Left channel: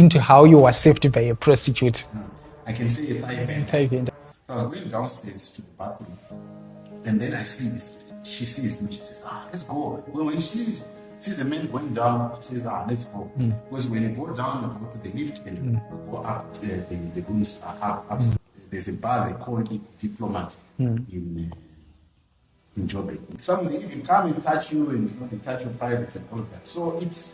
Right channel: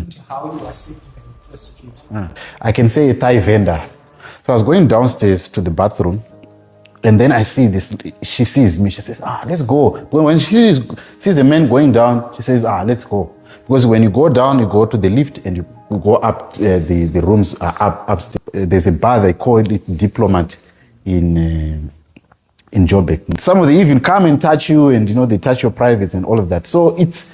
into how you were saved by a prostitute. I can say a Thai vendor. So I was going downstairs to the bathroom, and then I see this, she sees me, she says, let's go. When she sees a man going down, she says, let's go. Because when you go down, you go to the lift and you go up, the rooms are upstairs. There's a bar, they call it Diplomat in Joburg. Some of them even come and touch you, and they touch your privates and all of that. So it's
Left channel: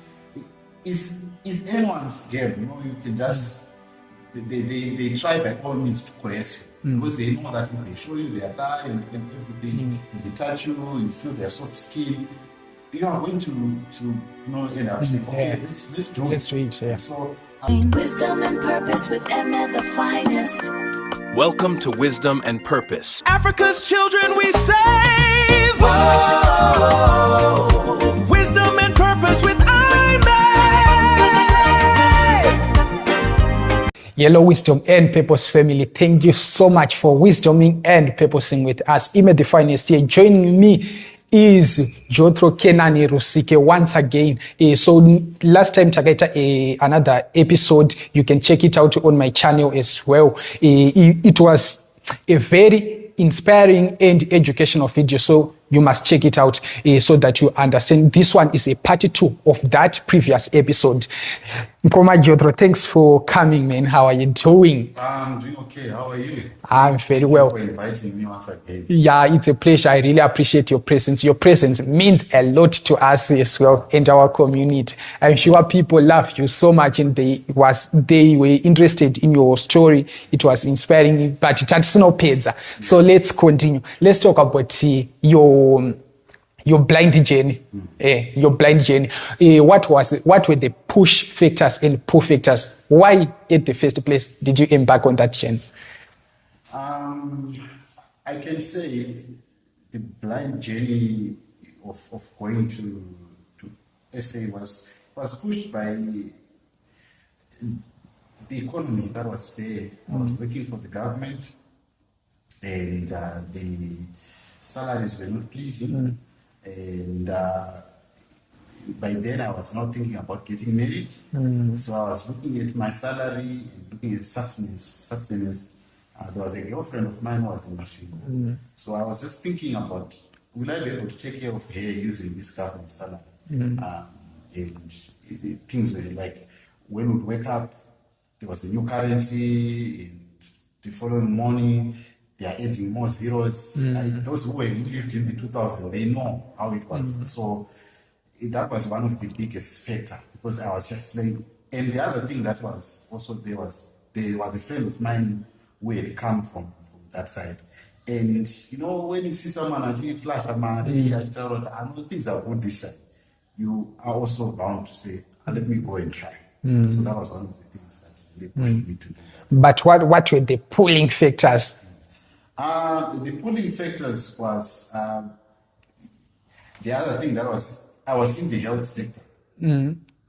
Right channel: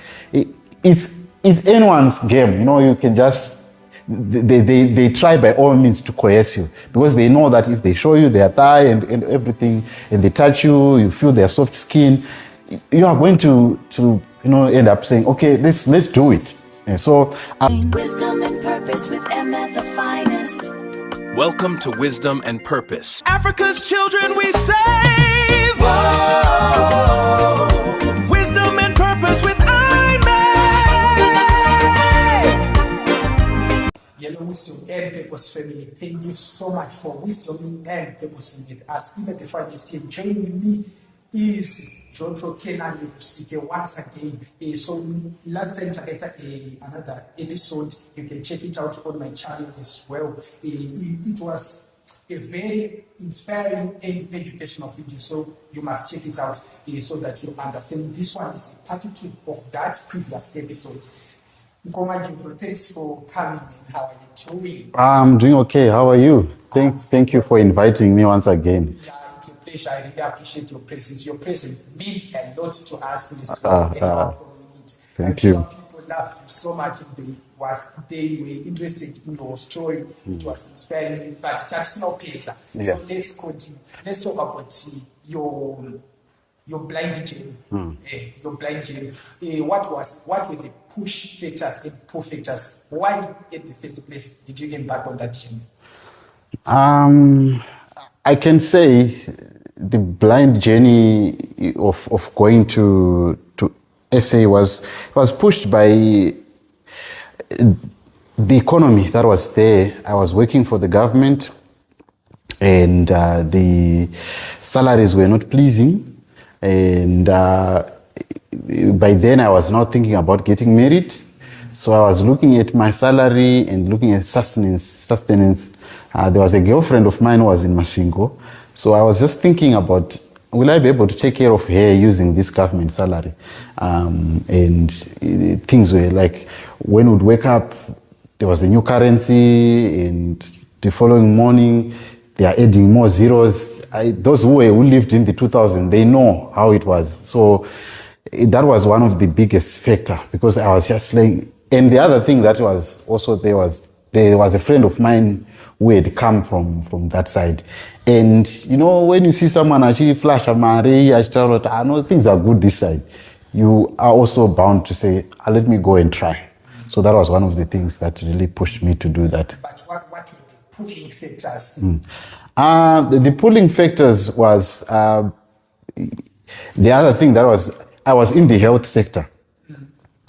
anyone's game. You can just, they try by all means to coerce you, because they know that if they show you their thigh and everything, and they touch you, you feel their soft skin, you are going to end up saying, okay, let's do it. And so Wisdom and Purpose with Ime the Finest. Welcome to Wisdom and Purpose. Africa's children we save. Whoa. Wisdom and Purpose with Ime. Hello, Wisdom and Purpose family. Thank you so much for wisdoming and purposing with us. Ime the Finest here. Joining me is Jethro Canaan Rusike once again. So last time Tagaita another episode, you can check it out on my channel as well. It was a very inspiring and educational video, so you must check it out so that you understand. This one is a part 2 of that previous episode. Nkoma Jethro, thanks for coming, man. How are you doing? I'm doing okay. How are you? Thank you for inviting me once again. Yeah, it's a pleasure. I really appreciate your presence. Your presence means a lot to us as well and our community. I'm sure people love you so much, and they were interested in your story. It was inspiring, but it's not pizza. So let's continue. Let's talk about your blind journey. Your blind journey. What were the push factors and pull factors? Why, at the first place, did you embark on that journey? I can say the blind journey of going to SA was pushed by the economy that was there. I was working for the government, and the salaries were not pleasing. And by then I was not thinking about getting married. So I was looking at my salary and looking at sustenance. There was a girlfriend of mine who was in Masvingo. So I was just thinking about, will I be able to take care of her using this government salary? And things were like, when we'd wake up, there was a new currency, and the following morning, they are adding more zeros. Those who lived in the 2000s, they know how it was. So that was one of the biggest factor, because I was just like, and the other thing that was also there was a friend of mine who had come from that side. And when you see someone actually flash a Mari, I know things are good this side, you are also bound to say, let me go and try. So that was one of the things that really pushed me to do that. But what were the pulling factors? The pulling factors was the other thing that was, I was in the health sector.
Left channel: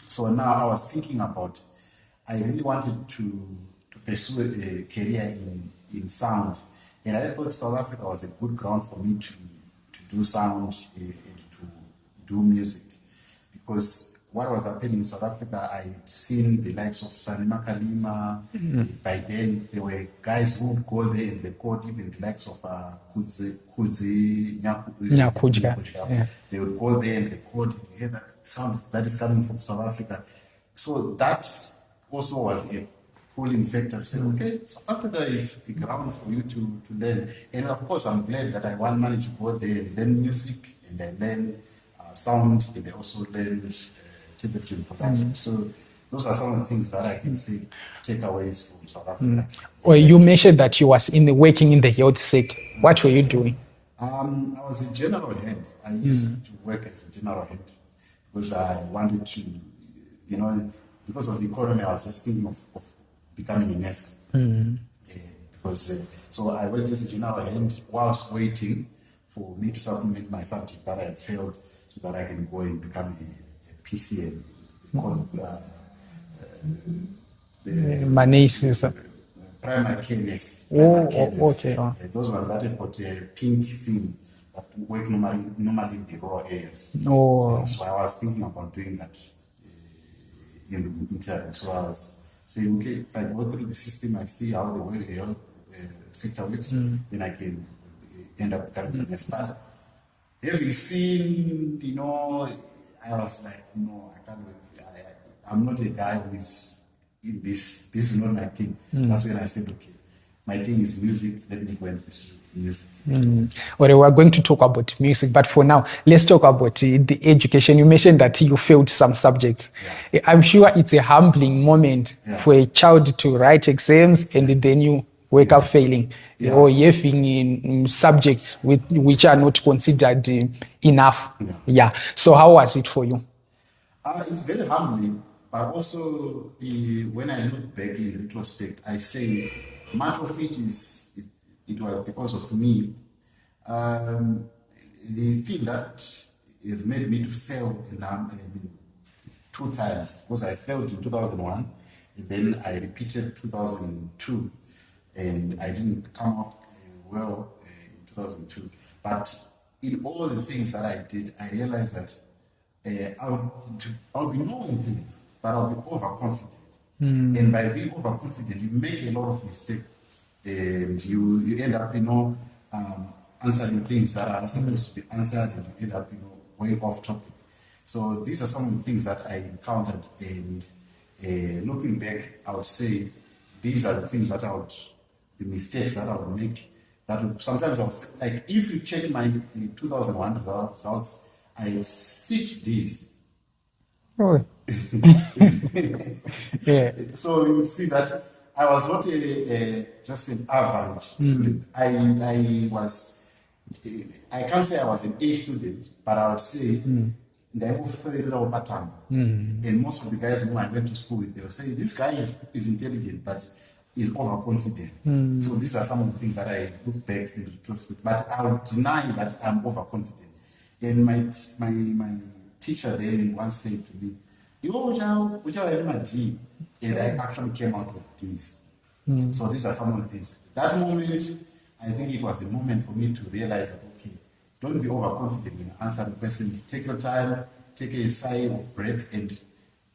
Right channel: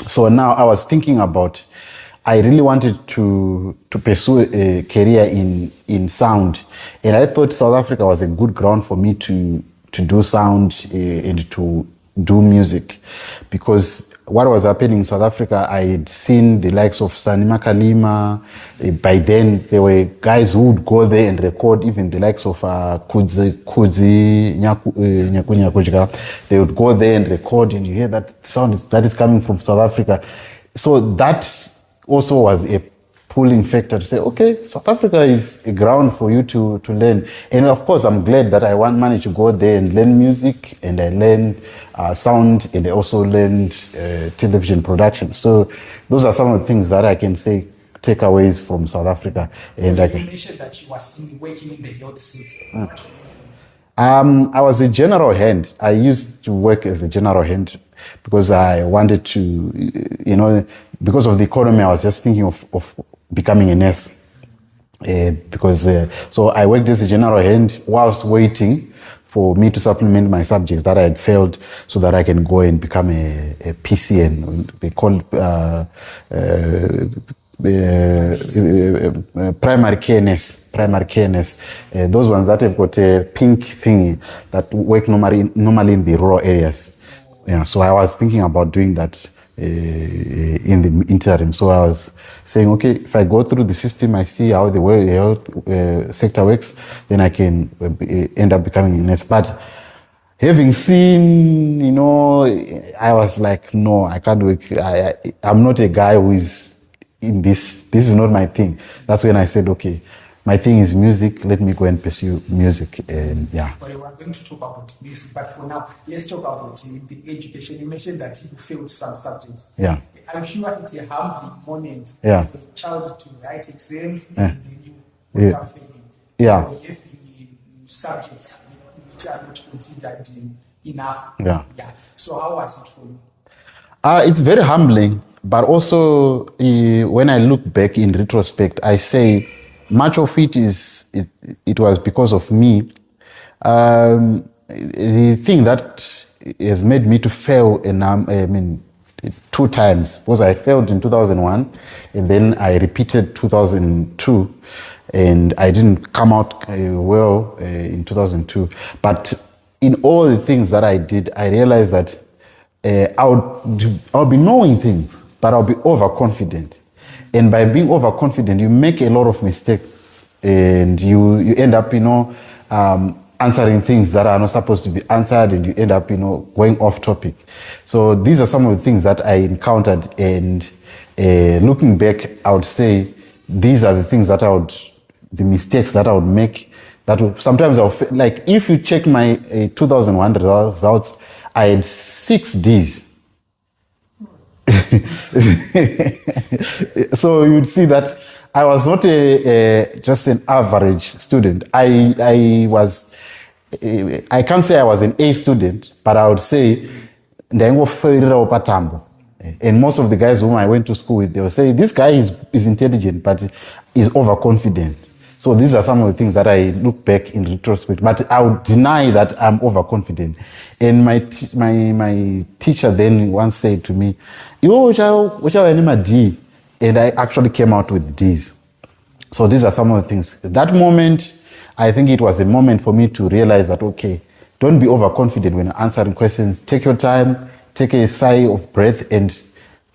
So now I was thinking about, I really wanted to pursue a career in sound. And I thought South Africa was a good ground for me to do sound and to do music. Because what was happening in South Africa, I had seen the likes of Sanima Kalima. By then, there were guys who would go there and record, even the likes of Kudzi Nyakuja. They would go there and record, and you hear that sound that is coming from South Africa. So that also was a pulling factor to say, okay, South Africa is a ground for you to learn. And of course, I'm glad that I managed to go there and learn music, and I learned sound, and I also learned television production. So those are some of the things that I can say takeaways from South Africa. Well, you mentioned that you was working in the health sector. What were you doing? I was a general hand. I used to work as a general hand because I wanted to, because of the economy, I was just thinking of becoming a nurse. So I worked as a general hand whilst waiting for me to supplement my subjects that I had failed, so that I can go and become a PCN. They call primary care nurse. Those ones that have got a pink thingy that work normally in the rural areas. So I was thinking about doing that in the interim. So I was saying, okay, if I go through the system, I see how the health sector works, then I can end up becoming a nurse. But having seen, you know, I was like, no, I can't work. I'm not a guy who is in this. This is not my thing. That's when I said, okay, my thing is music. Let me go and pursue music. And yeah. Well, we're going to talk about music, but for now, let's talk about the education. You mentioned that you failed some subjects. Yeah. I'm sure it's a humbling moment for a child to write exams and then you wake up failing. Or having in subjects which are not considered enough. Yeah. So how was it for you? It's very humbling, but also when I look back in retrospect, I say much of it it was because of me. The thing that has made me to fail, and 2 times, because I failed in 2001, and then I repeated 2002. And I didn't come out well in 2002. But in all the things that I did, I realized that I'll be knowing things, but I'll be overconfident. And by being overconfident, you make a lot of mistakes, and you end up, answering things that are not supposed to be answered, and you end up, going off topic. So these are some of the things that I encountered, and looking back, I would say these are the things that the mistakes that I would make, that would, sometimes like if you check my 2001 results, I had 6 Ds. Oh. So you'd see that I was not just an average student. I can't say I was an A student, but I would say and most of the guys whom I went to school with, they will say, this guy is intelligent, but is overconfident. So these are some of the things that I look back in retrospect, but I would deny that I'm overconfident. And my teacher then once said to me, which are D? And I actually came out with Ds. So these are some of the things. That moment, I think it was a moment for me to realize that, okay, don't be overconfident when answering questions. Take your time, take a sigh of breath, and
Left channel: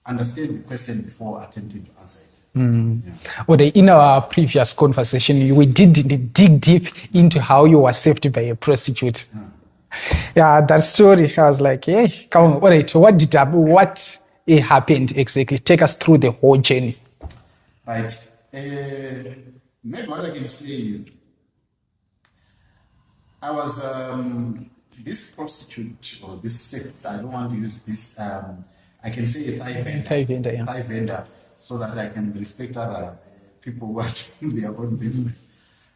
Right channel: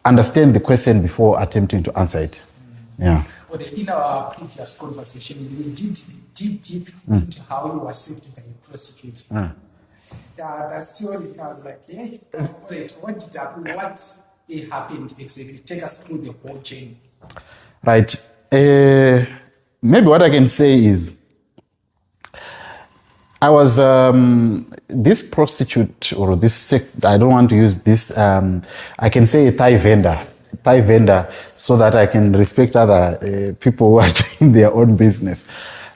understand the question before attempting to answer it. Yeah. Well, in our previous conversation, we did dig deep into how you were saved by a prostitute. Yeah, that story, I was like, hey, come on, all right, what happened exactly? Take us through the whole journey. Right. Maybe what I can say is, I was this prostitute or this sect. I don't want to use this. I can say a Thai vendor. Thai vendor, so that I can respect other people who are doing their own business.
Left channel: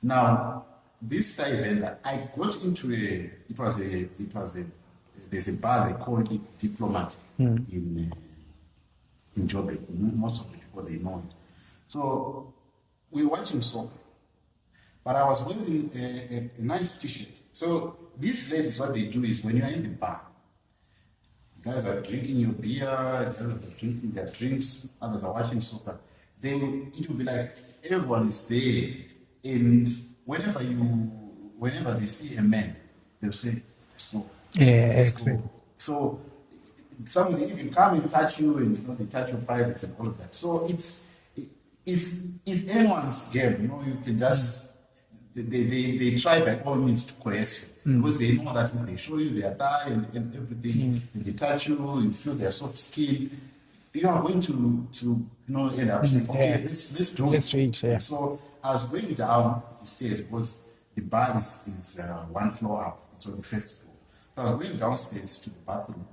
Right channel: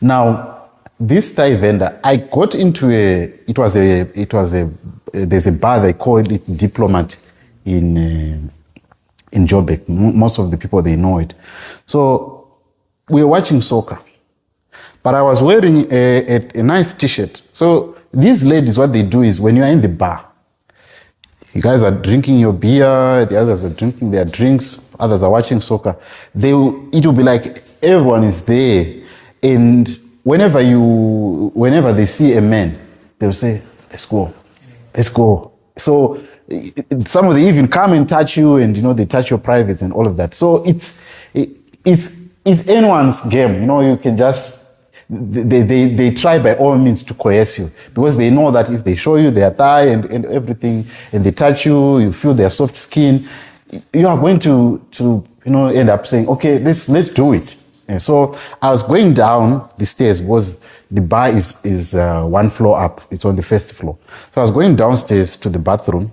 Now, this Thai vendor, I got into there's a bar, they call it Diplomat in Joburg. Most of the people, they know it. So we were watching soccer. But I was wearing a nice t-shirt. So these ladies, what they do is when you're in the bar, you guys are drinking your beer, the others are drinking their drinks, others are watching soccer. It will be like everyone is there. And whenever they see a man, they'll say, let's go. Yeah, let's go. So some of them even come and touch you, and they touch your privates and all of that. So it's anyone's game. You can just they try by all means to coerce you, because they know that if they show you their thigh and everything, and they touch you, you feel their soft skin, you are going to end up saying, okay, let's do it. Yeah. So I was going down the stairs, because the bar is 1 floor up. It's on the 1st floor. So I was going downstairs to the bathroom.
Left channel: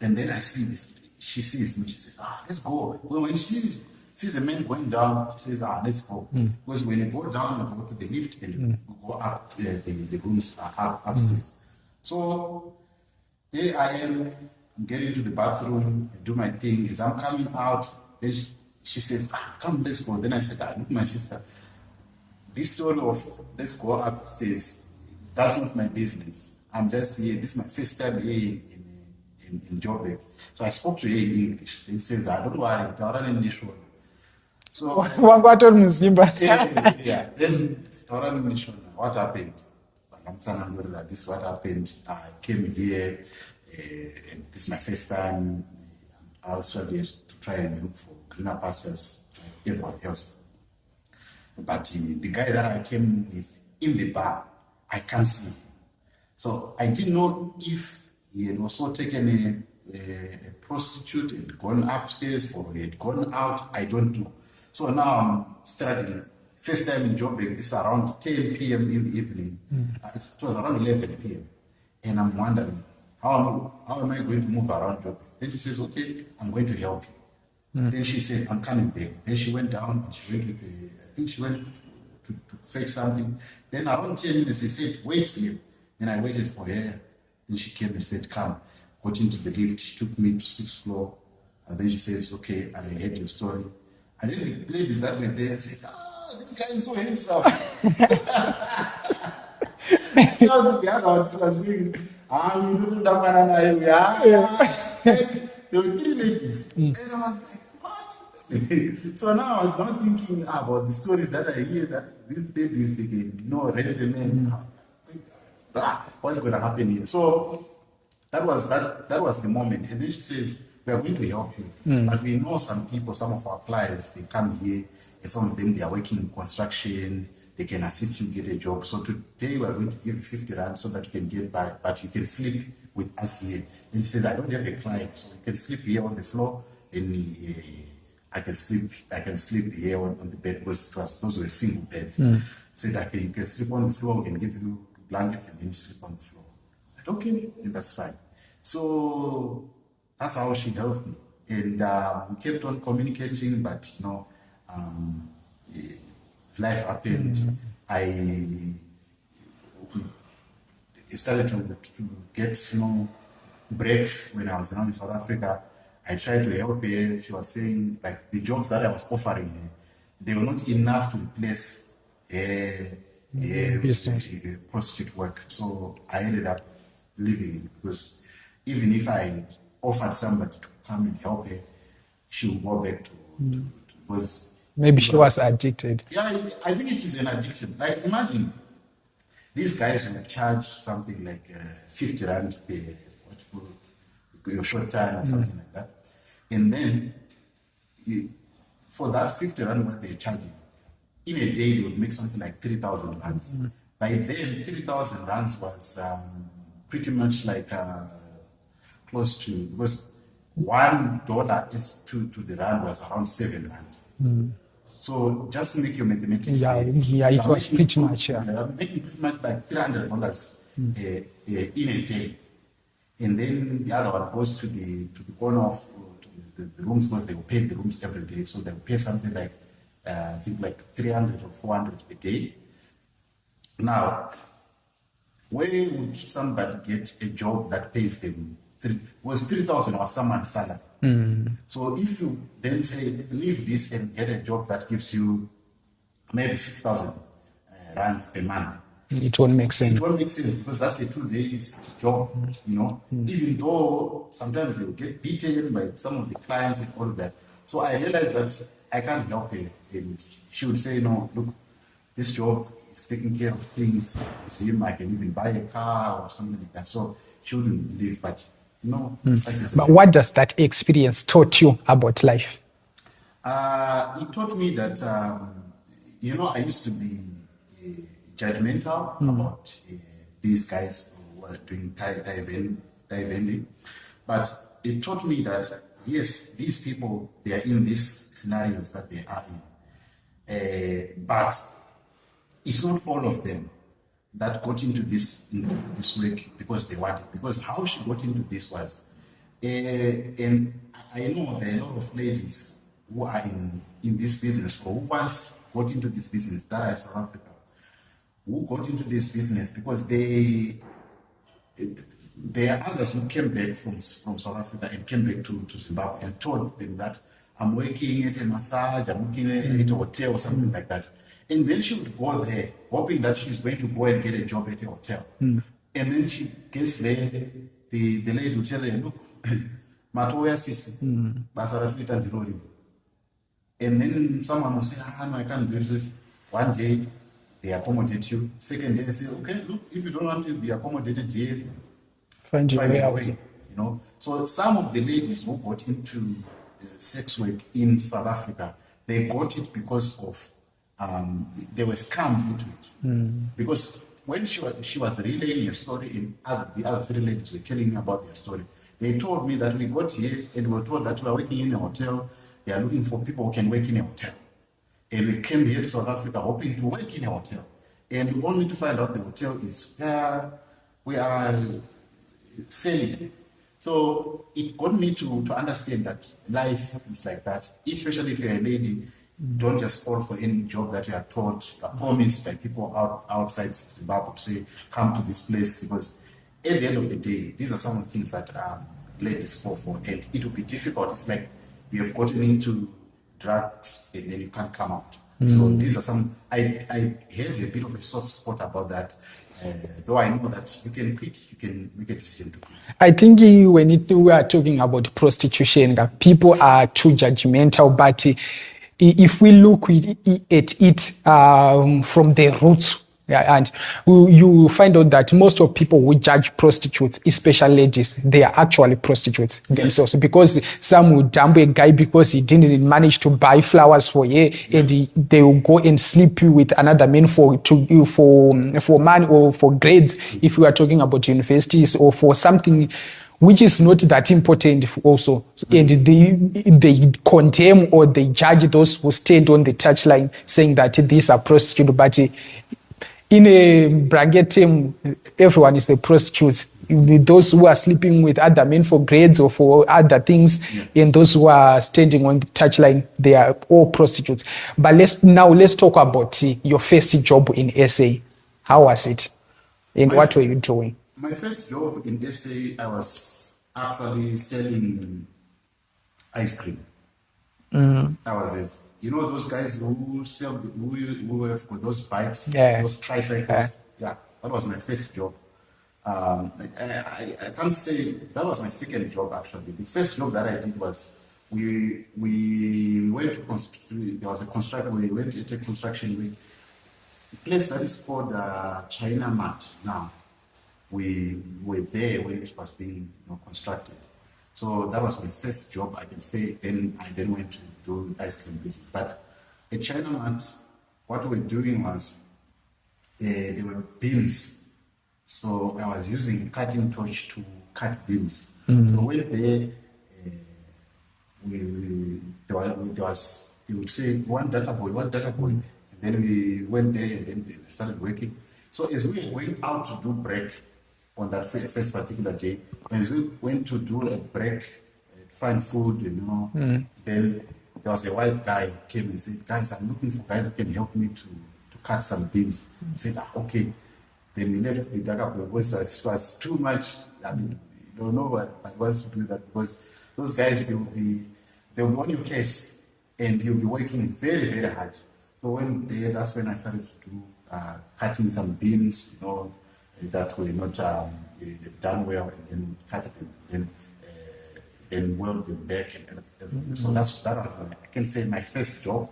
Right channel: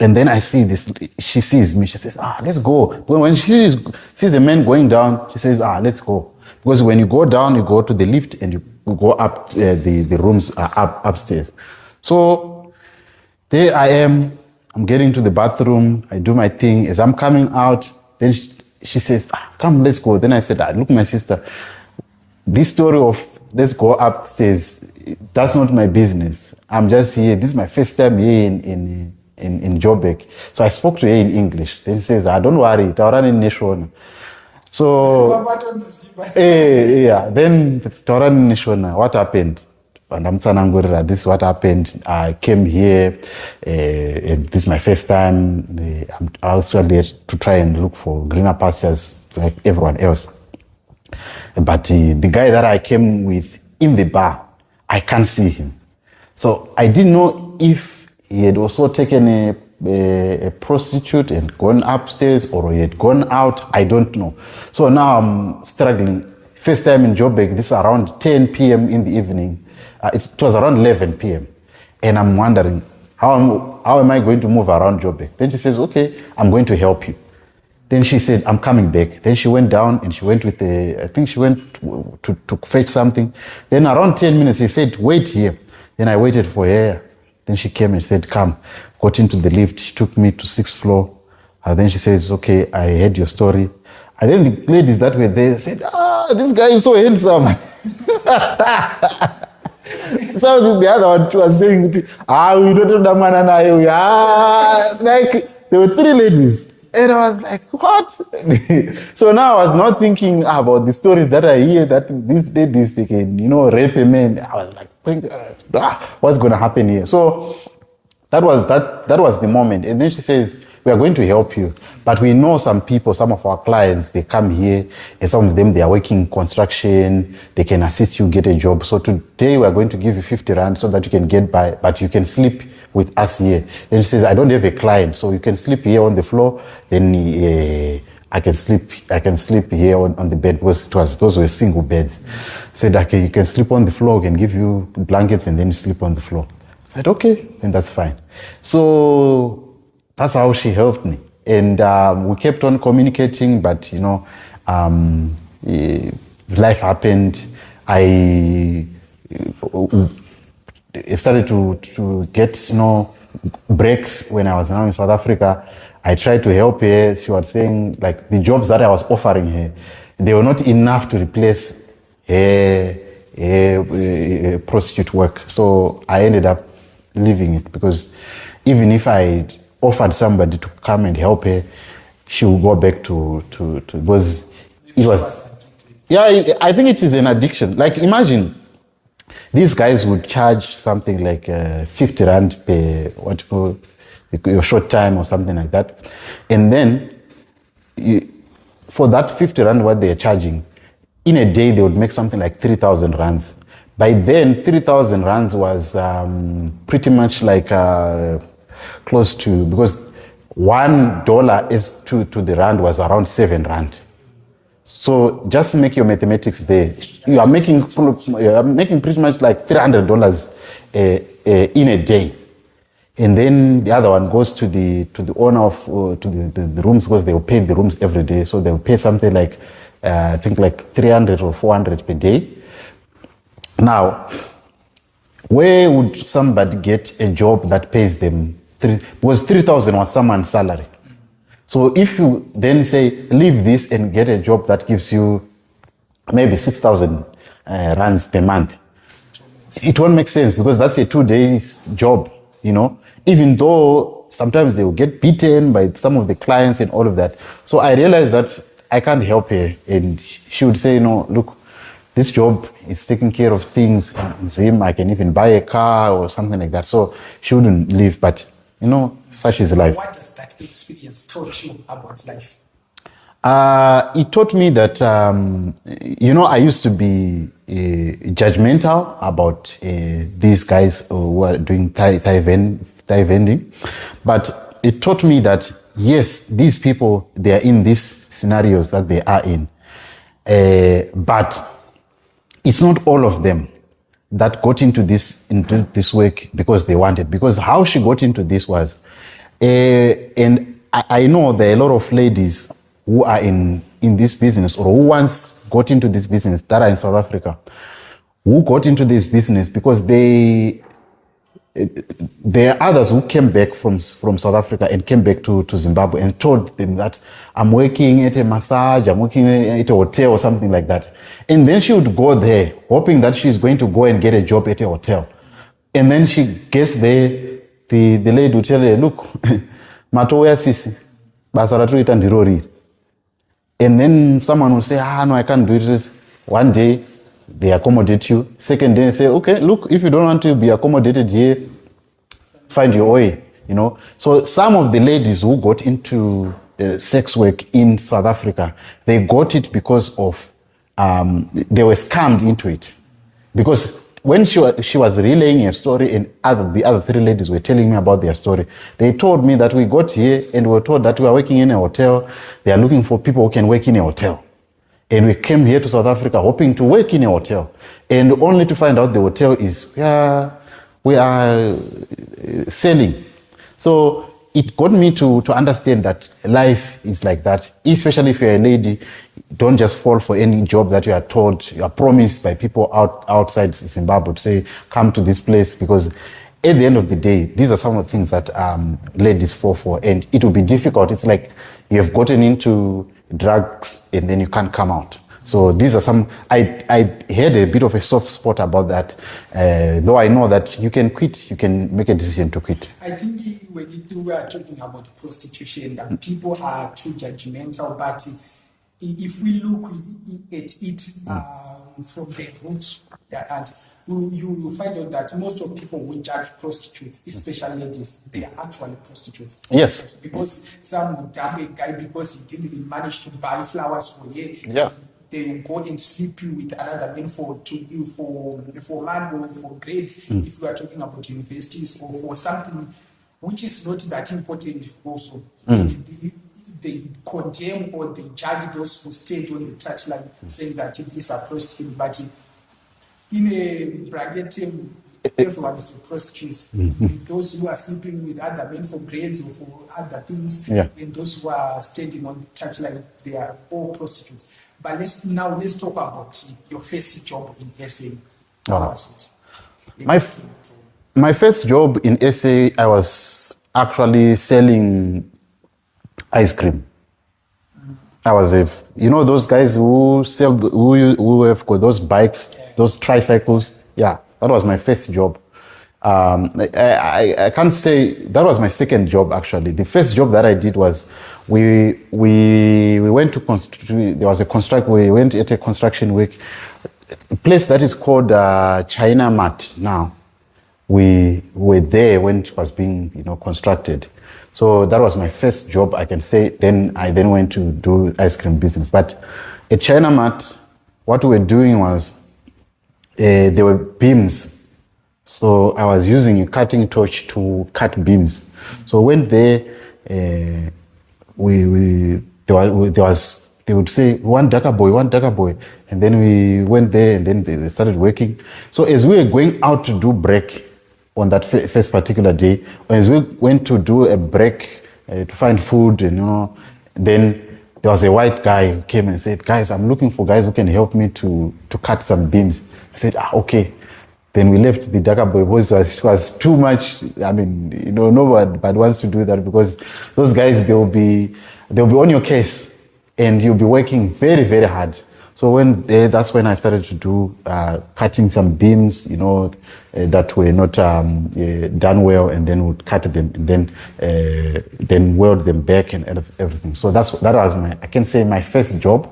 And then I see this, she sees me, she says, let's go. When she sees a man going down, she says, let's go. Because when you go down, you go to the lift and you go up, the rooms are upstairs. So there I am, I'm getting to the bathroom, I do my thing. As I'm coming out, then she says, come, let's go. Then I said, look, my sister, this story of let's go upstairs, that's not my business. I'm just here, this is my first time here in Joburg. So I spoke to her in English. Then she says, don't worry, Taurani Nation. So yeah. Then Taurani Nation, what happened? this is what happened. I came here, and this is my first time. I'm actually to try and look for greener pastures like everyone else. But the guy that I came with in the bar, I can't see him. So I didn't know if he had also taken a prostitute and gone upstairs, or he had gone out. I don't know. So now I'm struggling. First time in Joburg, this is around 10 p.m. in the evening. It was around 11 p.m. And I'm wondering, how am I going to move around Joburg? Then she says, okay, I'm going to help you. Then she said, I'm coming back. Then she went down and she went with I think she went to fetch something. Then around 10 minutes, she said, wait here. Then I waited for her. Then she came and said, come. Got into the lift. She took me to 6th floor. Then she says, okay, I heard your story. And then the ladies that were there said, this guy is so handsome. So the other one was saying, we don't know the man. Like, there were 3 ladies. And I was like, what? So now I was not thinking about the stories that I hear that these ladies, they can, rape a man. I was like, what's going to happen here? So that was the moment. And then she says, we are going to help you. But we know some people, some of our clients, they come here, and some of them, they are working construction. They can assist you get a job. So today we are going to give you 50 rand so that you can get by, but you can sleep with us here. Then she says, I don't have a client, so you can sleep here on the floor. Then I can sleep here on the bed, because those were single beds. Said, okay, you can sleep on the floor, we can give you blankets, and then you sleep on the floor. I said, okay, then that's fine. So that's how she helped me. And we kept on communicating, but life happened. I started to get, breaks when I was now in South Africa. I tried to help her. She was saying, like, the jobs that I was offering her, they were not enough to replace her prostitute work. So I ended up leaving it, because even if I offered somebody to come and help her, she would go back to because maybe she was addicted. Yeah, I think it is an addiction. Like, imagine these guys would charge something like 50 rand per your short time or something like that, and then for that 50 rand what they are charging, in a day they would make something like 3,000 rands. By then 3,000 rands was pretty much like close to, because $1 is to the rand was around 7 rand. So just make your mathematics there. You are making pretty much like $300 in a day. And then the other one goes to the owner of to the rooms, because they will pay the rooms every day. So they will pay something like I think like 300 or 400 per day. Now, where would somebody get a job that pays them because 3,000 was someone's salary. So if you then say, leave this and get a job that gives you maybe 6,000 rands per month, it won't make sense. It won't make sense, because that's a 2 days job, even though sometimes they will get beaten by some of the clients and all of that. So I realized that I can't help her. And she would say, look, this job is taking care of things. I can even buy a car or something like that. So she wouldn't leave, but such is life. What does that experience taught you about life? It taught me that, I used to be judgmental about these guys who are doing Thai vending. But it taught me that, yes, these people, they are in these scenarios that they are in. But it's not all of them that got into this work because they wanted. Because how she got into this was, and I know there are a lot of ladies who are in this business, or who once got into this business that are in South Africa, who got into this business because there are others who came back from South Africa and came back to Zimbabwe and told them that I'm working at a massage, I'm working at a hotel or something like that. And then she would go there hoping that she's going to go and get a job at a hotel. And then she gets there, the lady would tell her, look, matoya sisi, basaratu itandirori. And then someone would say, no, I can't do it. One day, they accommodate you. Second day, they say, okay, look, if you don't want to be accommodated here, find your way, you know. So some of the ladies who got into sex work in South Africa, they got it because of, they were scammed into it. Because when she was relaying a story and the other three ladies were telling me about their story, they told me that we got here and we were told that we are working in a hotel. They are looking for people who can work in a hotel. And we came here to South Africa hoping to work in a hotel. And only to find out the hotel is, we are selling. So it got me to understand that life is like that, especially if you're a lady. Don't just fall for any job that you are told, you are promised by people outside Zimbabwe to say, come to this place, because at the end of the day, these are some of the things that ladies fall for, and it will be difficult. It's like you've gotten into drugs and then you can't come out. So these are some, I had a bit of a soft spot about that, though I know that you can quit, you can make a decision to quit. I think when we are talking about prostitution, people are too judgmental, but if we look at it from the roots, and you find out that most of people who judge prostitutes, especially ladies, they are actually prostitutes. Yes. Also, because some will dump a guy because he didn't manage to buy flowers for you, and they will go and sleep with another man for money or for grades. If we are talking about universities or for something which is not that important also. And they condemn or they judge those who stand on the touchline saying that these are prostitutes. But in a bracket team, everyone is a prostitute. Those who are sleeping with other men for grades or for other things, and those who are standing on the touchline, they are all prostitutes. But let's talk about your first job in SA. How was it? And what were you doing? My first job in SA, I was actually selling ice cream. I was those guys who sell, who have got those bikes, those tricycles. Yeah, that was my first job. I can't say that was my second job actually. The first job that I did was we went to there was a construct. We went at a construction week, a place that is called China Mart now. We were there when it was being constructed. So that was my first job, I can say. Then I went to do ice cream business. But at China Mart, what we were doing was there were beams. So I was using a cutting torch to cut beams. So when there, they would say one darker boy, and then we went there and then they started working. So as we were going out to do break on that first particular day, as we went to do a break to find food, and then there was a white guy who came and said, guys, I'm looking for guys who can help me to cut some beams. I said, okay. Then we left the darker boy because it was too much. I mean, nobody wants to do that because those guys, they'll be on your case and you'll be working very, very hard. So that's when I started to do cutting some beams, that were not done well, and then would cut them and then weld them back and everything. So that was I can say my first job.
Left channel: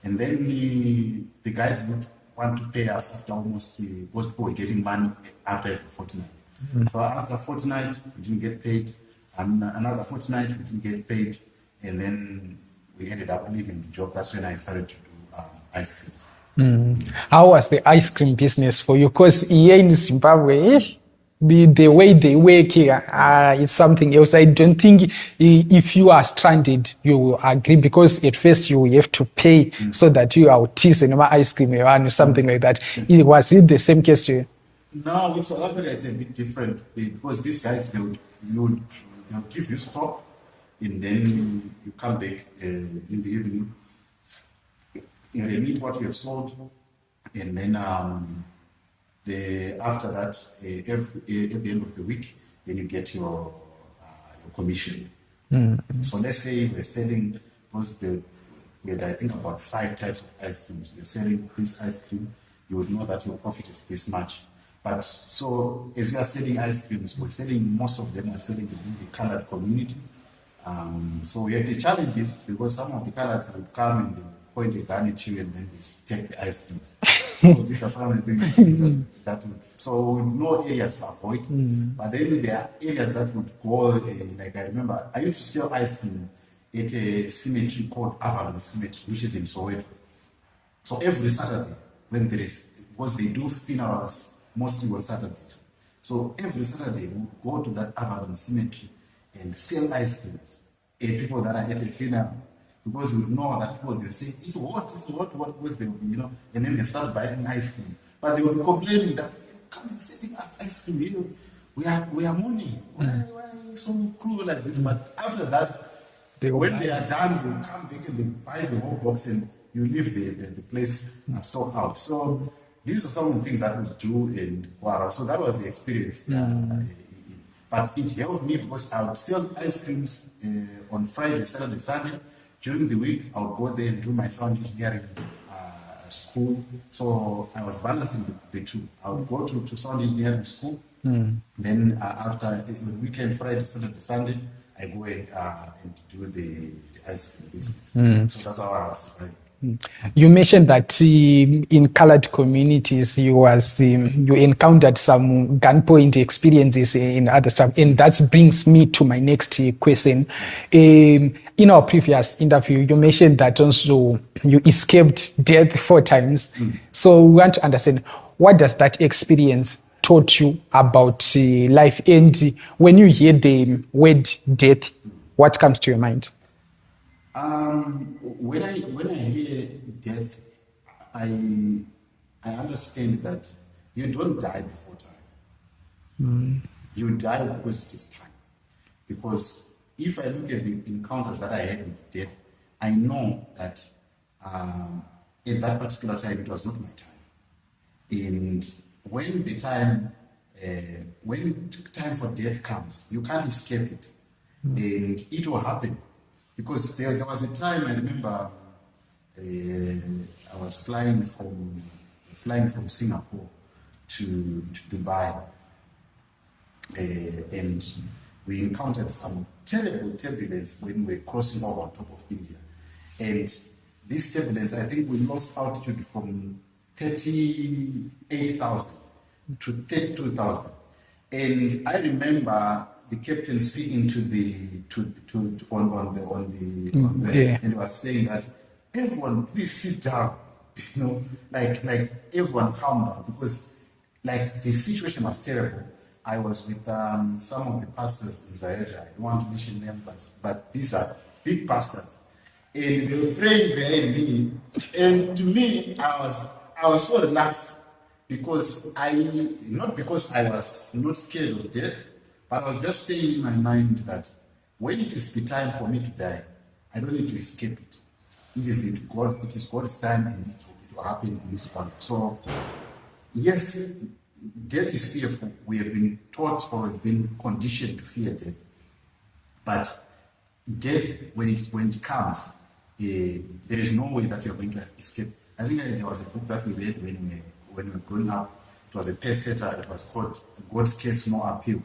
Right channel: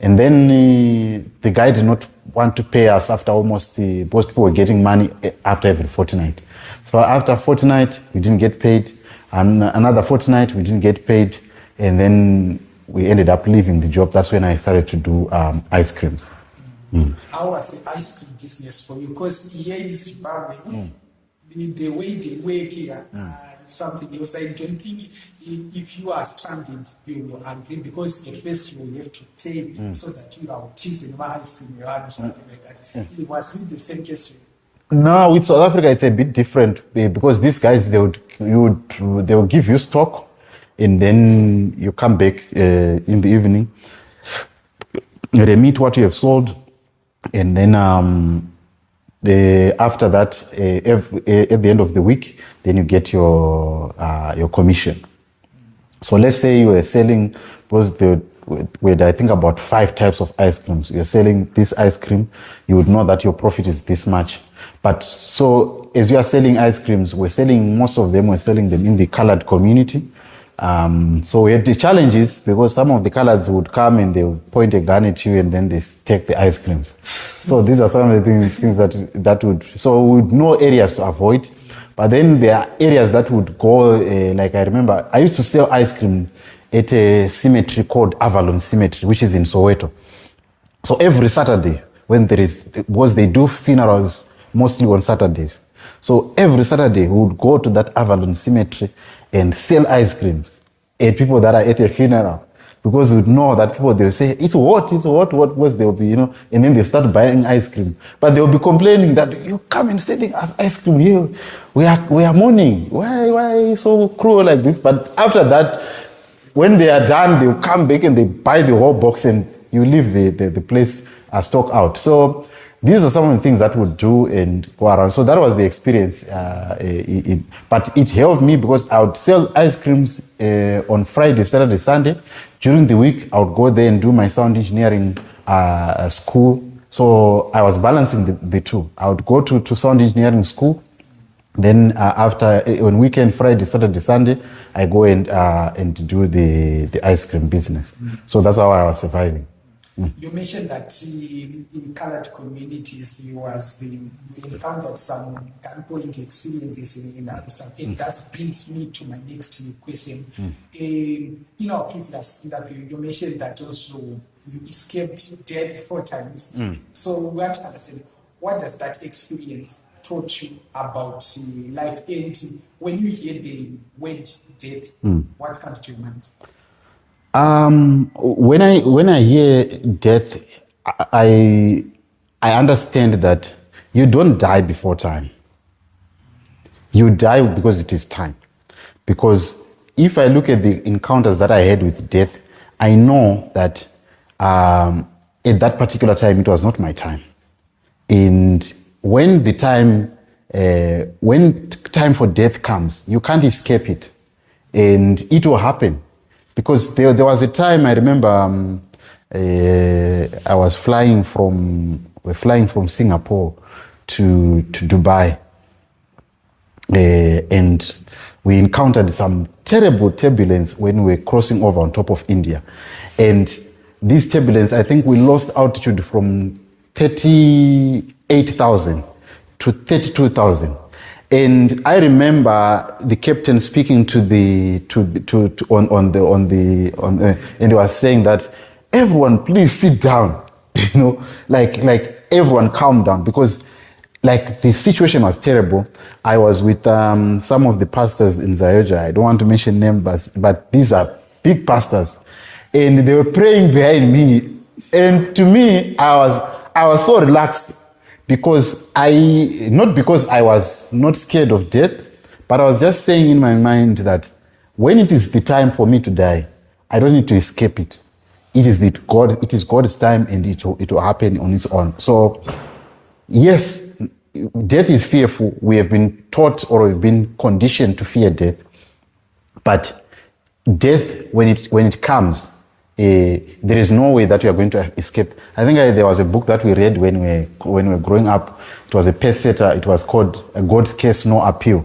And then the guy did not want to pay us after almost most people were getting money after every fortnight. So after a fortnight, we didn't get paid, and another fortnight we didn't get paid, and then we ended up leaving the job. That's when I started to do ice creams. How was the ice cream business for you? Because here in Zimbabwe, the way they work here is something else. I don't think if you are stranded, you will agree, because at first you have to pay so that you are teasing ice cream or something like that. Was it the same case to you? No, with South Africa, it's a bit different because these guys, they will give you stock, and then you come back in the evening. They meet what you have sold, and then after that, at the end of the week, then you get your commission. So let's say you are selling, because with I think about 5 types of ice creams. You're selling this ice cream, you would know that your profit is this much. But so as you are selling ice creams, we're selling them in the colored community. So we had the challenges because some of the colors would come and they would point a gun at you and then they take the ice creams. So these are some of the things that would, so we would know areas to avoid. But then there are areas that would go, like I remember, I used to sell ice cream at a cemetery called Avalon Cemetery, which is in Soweto. So every Saturday, because they do funerals mostly on Saturdays. So every Saturday we would go to that Avalon Cemetery and sell ice creams at people that are at a funeral. Because we know that people, they'll say, it's what, because they'll be, and then they start buying ice cream. But they'll be complaining that you come and selling us ice cream here. We are mourning. Why are you so cruel like this? But after that, when they are done, they'll come back and they buy the whole box and you leave the place stock out. So these are some of the things that we'll do and go around. So that was the experience. But it helped me because I would sell ice creams on Friday, Saturday, Sunday. During the week, I would go there and do my sound engineering school. So I was balancing the two. I would go to sound engineering school. Then after, on weekend, Friday, Saturday, Sunday, I go and do the ice cream business. So that's how I was surviving. You mentioned that in colored communities, you encountered some gunpoint experiences in other stuff, and that brings me to my next question. In our previous interview, you mentioned that also you escaped death 4 times. So we want to understand, what does that experience taught you about life? And when you hear the word death, what comes to your mind? When I hear death, I understand that you don't die before time. You die because it is time. Because if I look at the encounters that I had with death, I know that at that particular time, it was not my time. And when time for death comes, you can't escape it, and it will happen. Because there was a time I remember I was flying from Singapore to Dubai, and we encountered some terrible turbulence when we were crossing over on top of India, and this turbulence, I think we lost altitude from 38,000 to 32,000, and I remember the captain speaking and he was saying that everyone please sit down, like everyone calm down, because like the situation was terrible. I was with some of the pastors in Zayoja. I don't want to mention names, but these are big pastors, and they were praying behind me, and to me I was so relaxed, because not because I was not scared of death, but I was just saying in my mind that when it is the time for me to die, I don't need to escape it. It is God's time, and it will happen on its own. So yes, death is fearful. We have been taught or we've been conditioned to fear death. But death, when it comes, there is no way that you are going to escape. I think there was a book that we read when we were growing up. It was a pace-setter. It was called God's Case, No Appeal.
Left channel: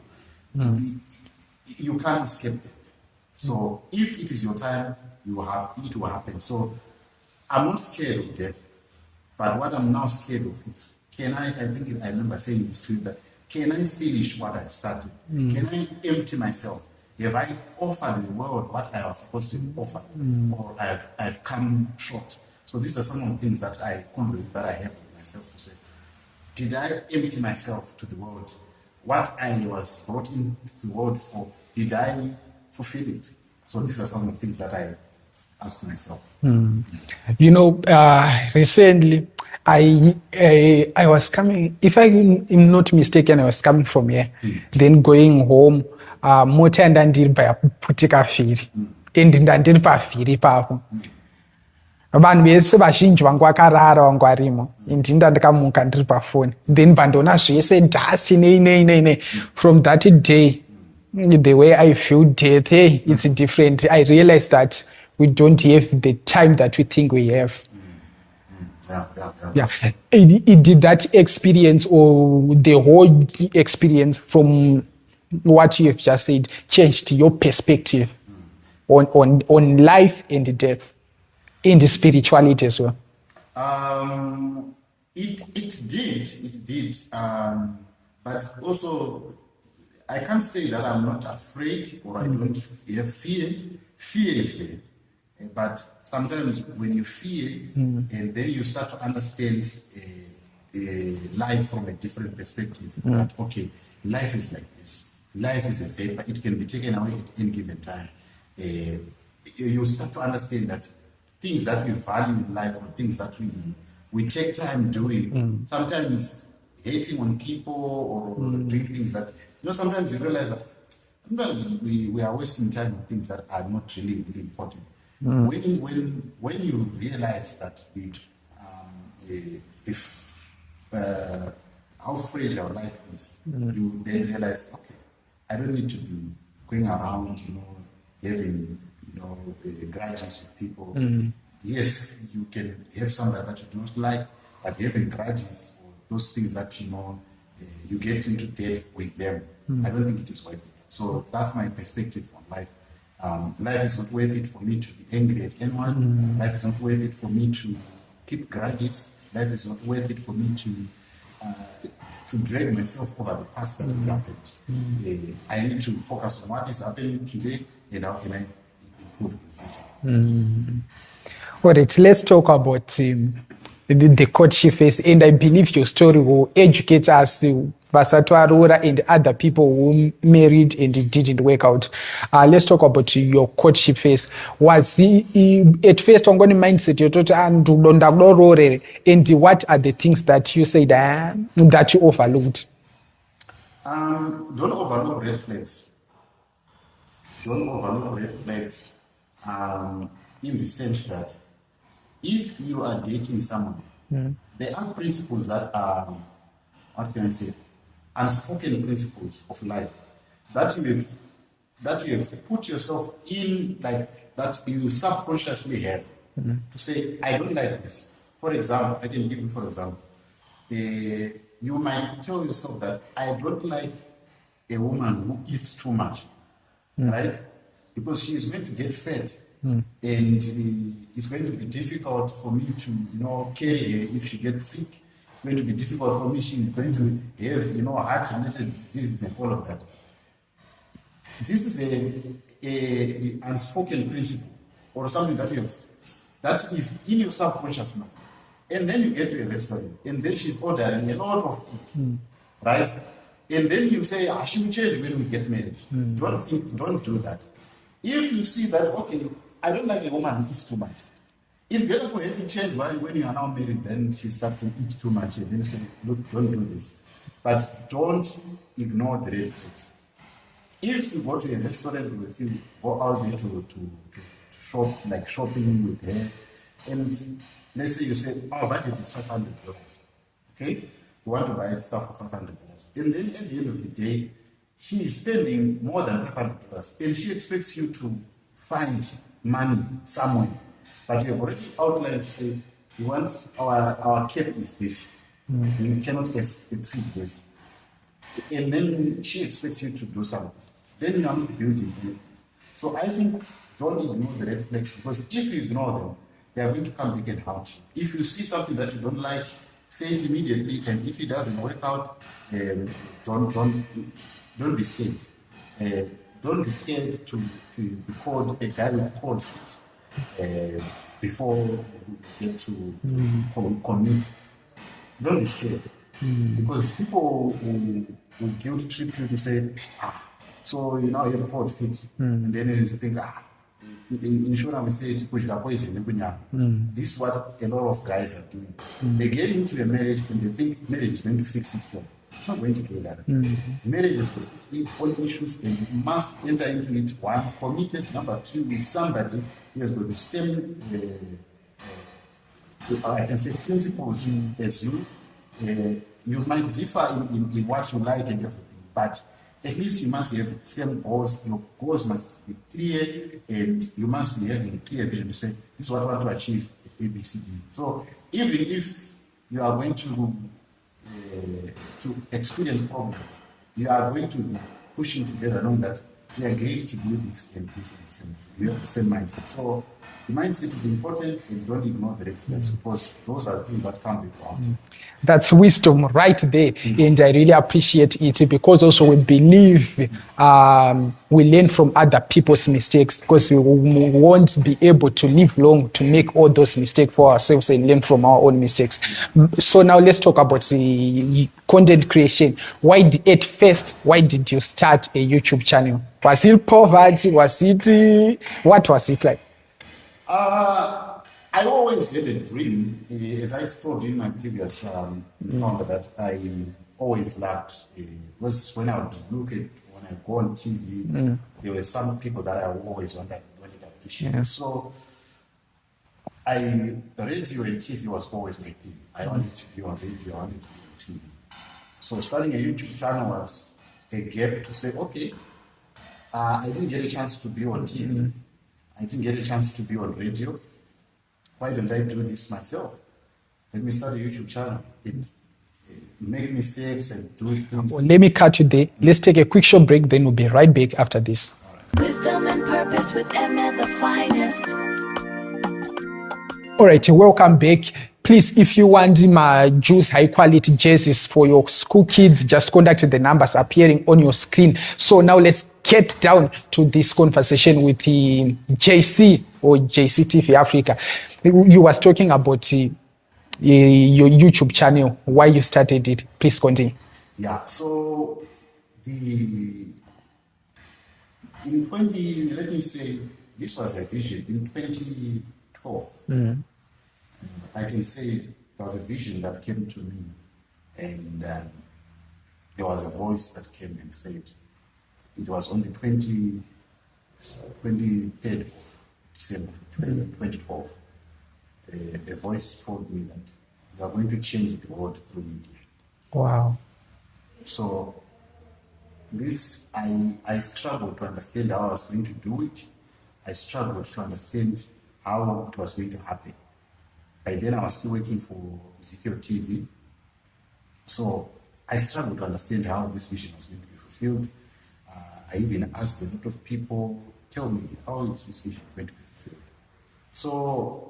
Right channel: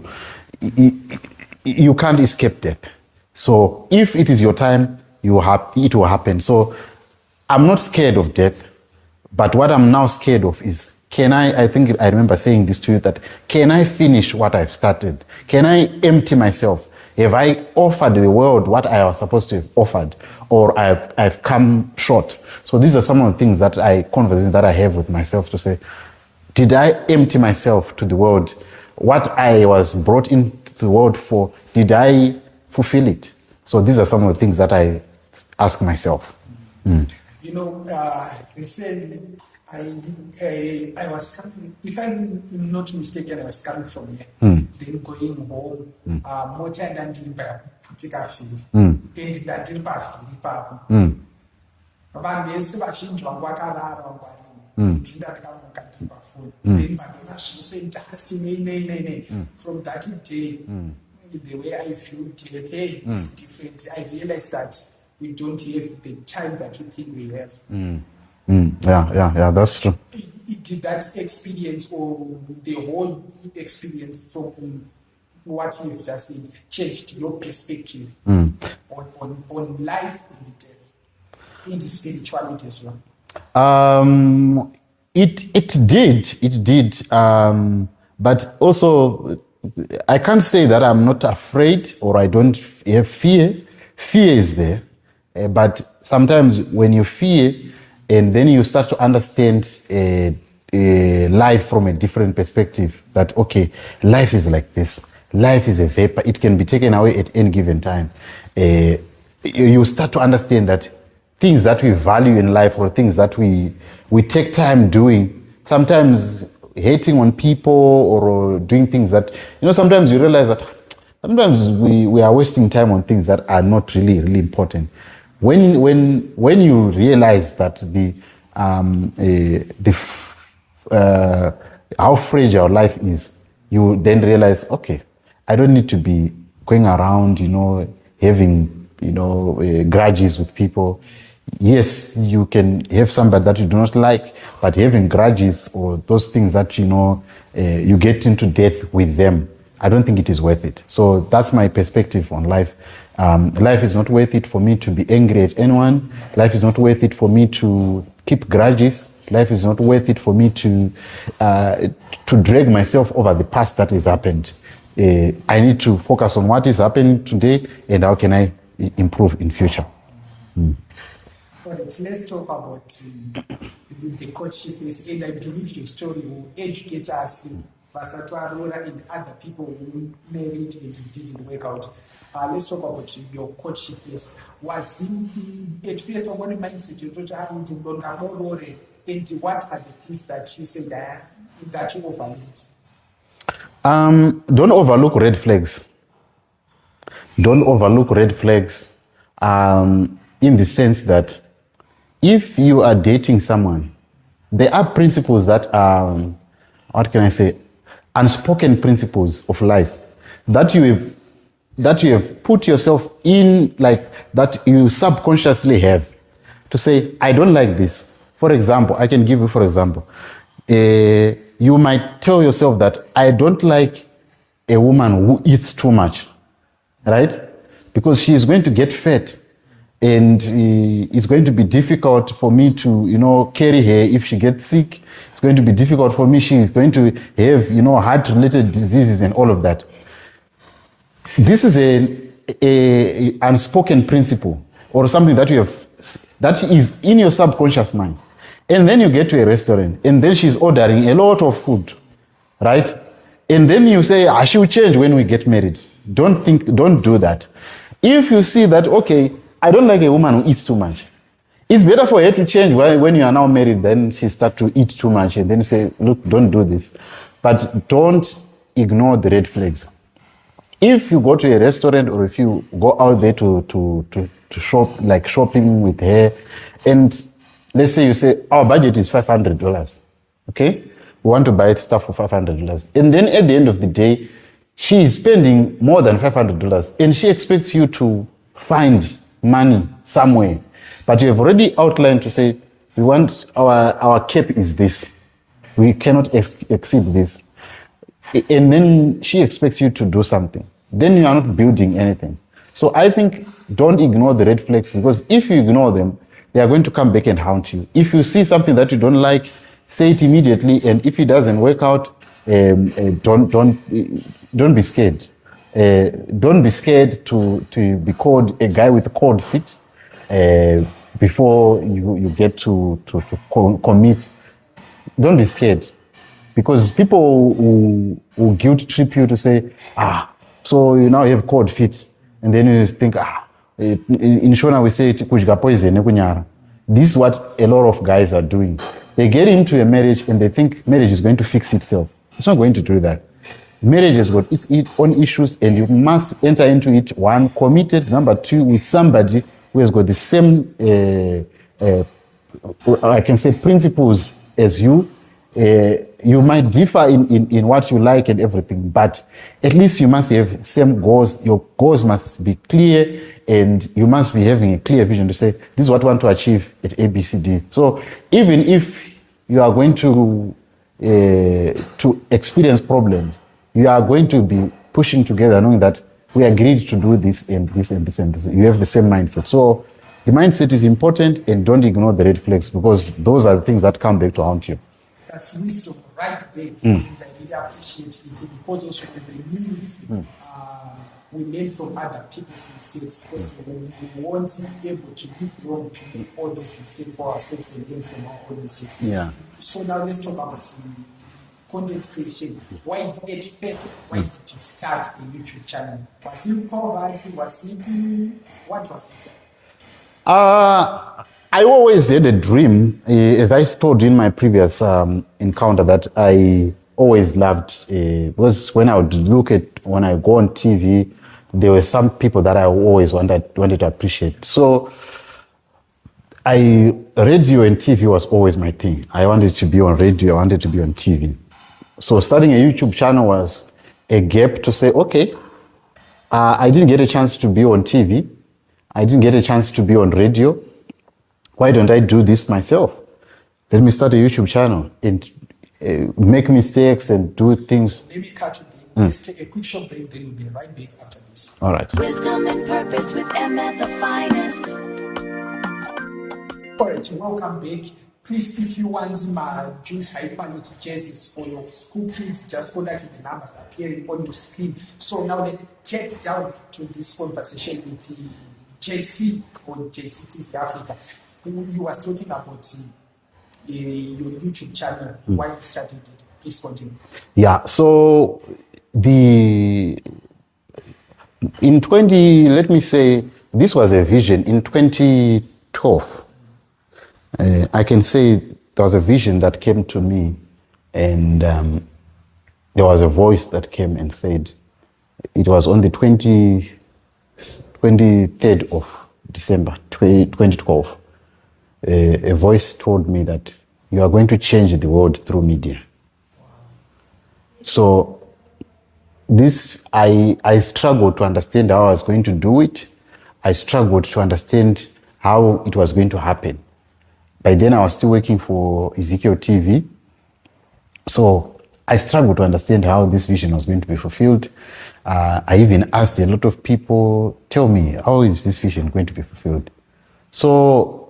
You can't escape death. So if it is your time, it will happen. So I'm not scared of death, but what I'm now scared of is, I think I remember saying this to you, that can I finish what I've started? Can I empty myself? Have I offered the world what I was supposed to have offered, or I've come short? So these are some of the things conversations that I have with myself to say, did I empty myself to the world? What I was brought into the world for, did I fulfill it? So these are some of the things that I ask myself. Recently, I was coming, if I'm not mistaken, I was coming from here, then going home, mota ndandiri payaputika firi, and ndandiri pavhiri papo. Vanhu vese vazhinji vangu vakarara vangu varimo, ndinda ndakamuka ndiri pafoni, then vandona zvese dust nei. From that day, the way I feel death, it's different. I realized that we don't have the time that we think we have. Yeah, that's true. Did that experience, or the whole experience from what you have just said, changed your perspective on life and death, and the spirituality as well? It did. But also, I can't say that I'm not afraid or I don't have fear. Fear is there, but sometimes when you fear and then you start to understand life from a different perspective, that okay, life is like this. Life is a vapor. It can be taken away at any given time. You start to understand that things that we value in life or things that we take time doing, sometimes hating on people or doing things that, sometimes you realize that sometimes we are wasting time on things that are not really, really important. When you realize that how fragile life is, you then realize, okay, I don't need to be going around, having grudges with people. Yes, you can have somebody that you do not like, but having grudges or those things that you get into death with them, I don't think it is worth it. So that's my perspective on life. Life is not worth it for me to be angry at anyone. Life is not worth it for me to keep grudges. Life is not worth it for me to drag myself over the past that has happened. I need to focus on what is happening today and how can I improve in future. All right, let's talk about the courtship phase, and I believe your story will educate us, Vasatwa Arora and other people who married and it didn't work out. Let's talk about your courtship phase. Was at first on the mindset and what are the things that you said that you overlooked? Don't overlook red flags. Don't overlook red flags in the sense that if you are dating someone, there are principles that are, what can I say, unspoken principles of life that you have put yourself in, like that you subconsciously have to say, I don't like this. For example, I can give you, for example, you might tell yourself that I don't like a woman who eats too much, right? Because she is going to get fat. And it's going to be difficult for me to, carry her if she gets sick. It's going to be difficult for me. She's going to have, heart-related diseases and all of that. This is a unspoken principle or something that that is in your subconscious mind. And then you get to a restaurant and then she's ordering a lot of food, right? And then you say, she will change when we get married. Don't do that. If you see that, okay, I don't like a woman who eats too much. It's better for her to change when you are now married, then she starts to eat too much and then say, look, don't do this. But don't ignore the red flags. If you go to a restaurant or if you go out there to shop, like shopping with her, and let's say you say, our budget is $500, okay? We want to buy stuff for $500. And then at the end of the day, she is spending more than $500 and she expects you to find money somewhere, but you have already outlined to say we want our cap is this, we cannot exceed this, and then she expects you to do something, then you are not building anything. So I think don't ignore the red flags, because if you ignore them, they are going to come back and haunt you. If you see something that you don't like, say it immediately, and if it doesn't work out, don't be scared. Don't be scared to be called a guy with a cold feet before you get to commit. Don't be scared, because people who guilt trip you to say, so you now have cold feet, and then you think, in Shona we say kujga poison kunyara. This is what a lot of guys are doing. They get into a marriage and they think marriage is going to fix itself. It's not going to do that. Marriage has got its own issues, and you must enter into it, one, committed, number two, with somebody who has got the same, I can say, principles as you. You might differ in what you like and everything, but at least you must have same goals. Your goals must be clear, and you must be having a clear vision to say, this is what I want to achieve at ABCD. So even if you are going to experience problems, you are going to be pushing together, knowing that we agreed to do this and this and this and this. You have the same mindset. So the mindset is important, and don't ignore the red flags, because those are the things that come back to haunt you. That's wisdom right there. And I really appreciate it, because also we believe we learn from other people's mistakes, because we won't be able to live long to make all those mistakes for ourselves and learn from our own mistakes. Yeah. So now let's talk about the content creation. Why did you start a YouTube channel? Was it poverty? What was it like? I always had a dream, as I told you in my previous encounter, that I always loved, because when I go on TV, there were some people that I always wanted to appreciate. Yeah. So radio and TV was always my thing. I wanted to be on radio, I wanted to be on TV. So starting a YouTube channel was a gap to say, okay, I didn't get a chance to be on TV. I didn't get a chance to be on radio. Why don't I do this myself? Let me start a YouTube channel and make mistakes and do things. Well, let me cut you there. Let's take a quick short break, then we'll be right back after this. All right. Wisdom and purpose with Ime the Finest. All right, welcome back. Please, if you want my juice high quality jerseys for your school kids, just contact the numbers appearing on your screen. So now let's get down to this conversation with the JC or JC TV Africa. You was talking about your YouTube channel, why you started it. Please continue. Yeah, so let me say, this was a vision in 2012. I can say there was a vision that came to me, and there was a voice that came and said, it was on the 23rd of December 2012. A voice told me that you are going to change the world through media. Wow. So this, I struggled to understand how I was going to do it. I struggled to understand how it was going to happen. By then I was still working for Ezekiel TV. So I struggled to understand how this vision was going to be fulfilled. I even asked a lot of people, tell me, how is this vision going to be fulfilled? So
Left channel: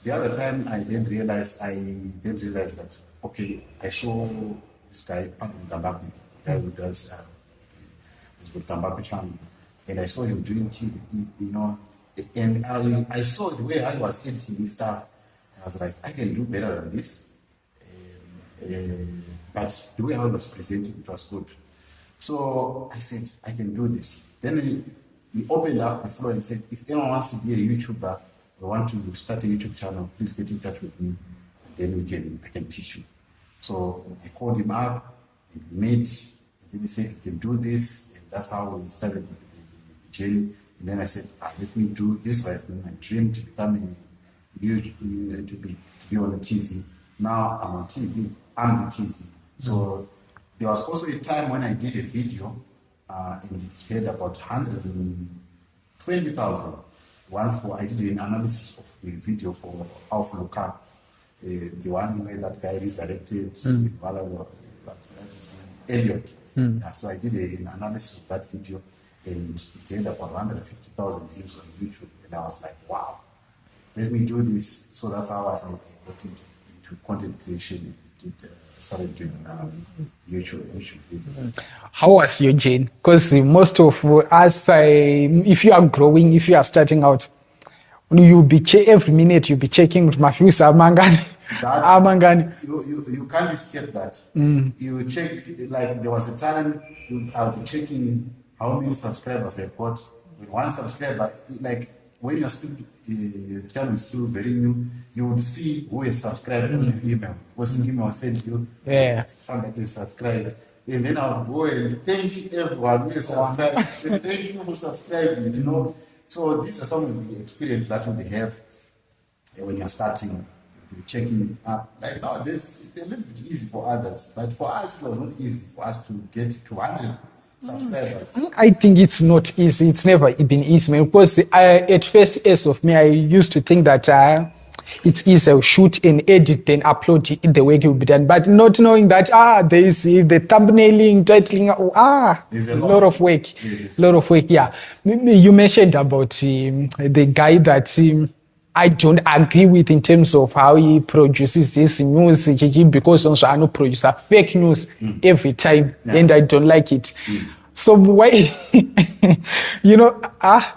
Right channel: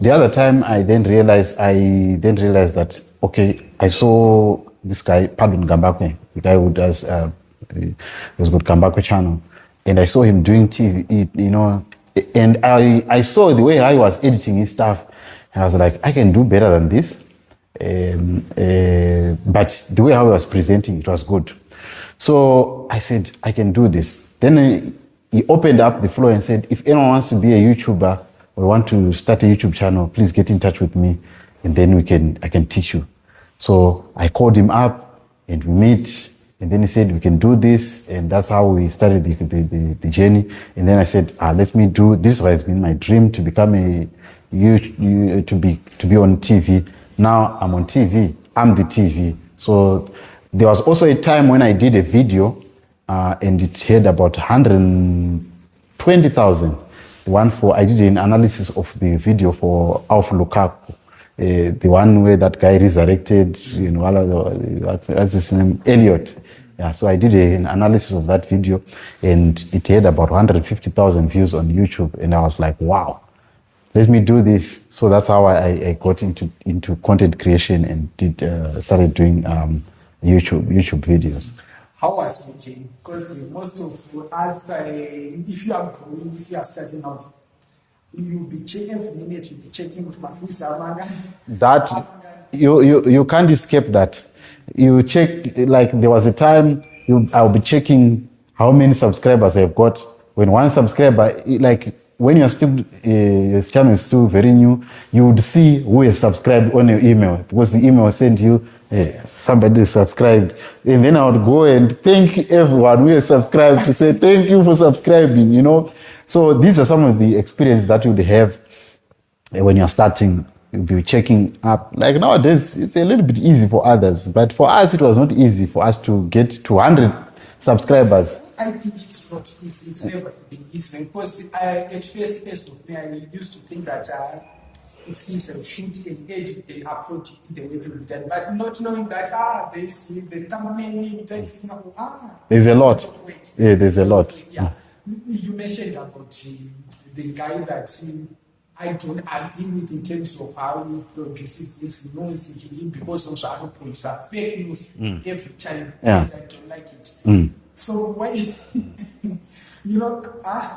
the other time I then realized that, okay, I saw this guy, Pardon Gambakwe, the guy who does, he was got Gambakwe channel. And I saw him doing TV, and I saw the way I was editing his stuff. And I was like, I can do better than this. But the way I was presenting, it was good. So I said, I can do this. Then he opened up the floor and said, if anyone wants to be a YouTuber or want to start a YouTube channel, please get in touch with me, and then I can teach you. So I called him up and we met, and then he said, we can do this. And that's how we started the journey. And then I said, let me do, this has been my dream, to become to be on TV. Now I'm on TV, I'm the TV. So there was also a time when I did a video and it had about 120,000. I did an analysis of the video for overlooking, the one where that guy resurrected, what's his name, Elliot. Yeah, so I did an analysis of that video, and it had about 150,000 views on YouTube, and I was like, wow, let me do this. So that's how I got into content creation and started doing YouTube videos. How was your journey? Because most of us, if you are growing, if you are starting out, you'll be every minute you'll be checking my views. You can't escape that. You check, like there was a time I'll be checking how many subscribers I've got. When one subscriber, like when your channel is still very new, you would see who is subscribed on your email, because the email sent you, somebody is subscribed. And then I would go and thank everyone who is subscribed to say, thank you for subscribing, So these are some of the experiences that you would have when you're starting. You'll be checking up. Like nowadays, it's a little bit easy for others, but for us, it was not easy for us to get to 100 subscribers. I think it's not easy. It's never been easy, man. Because at first, as of me, I used to think that it's easy to shoot and edit, then upload it, the way it will be done. But not knowing that there is the thumbnailing, titling, there's a lot of work. Yeah, there's a lot of work. Yeah, you mentioned about the guy that I don't agree with in terms of how he produces this news, because also I know producer fake news every time, and I don't like it. So why,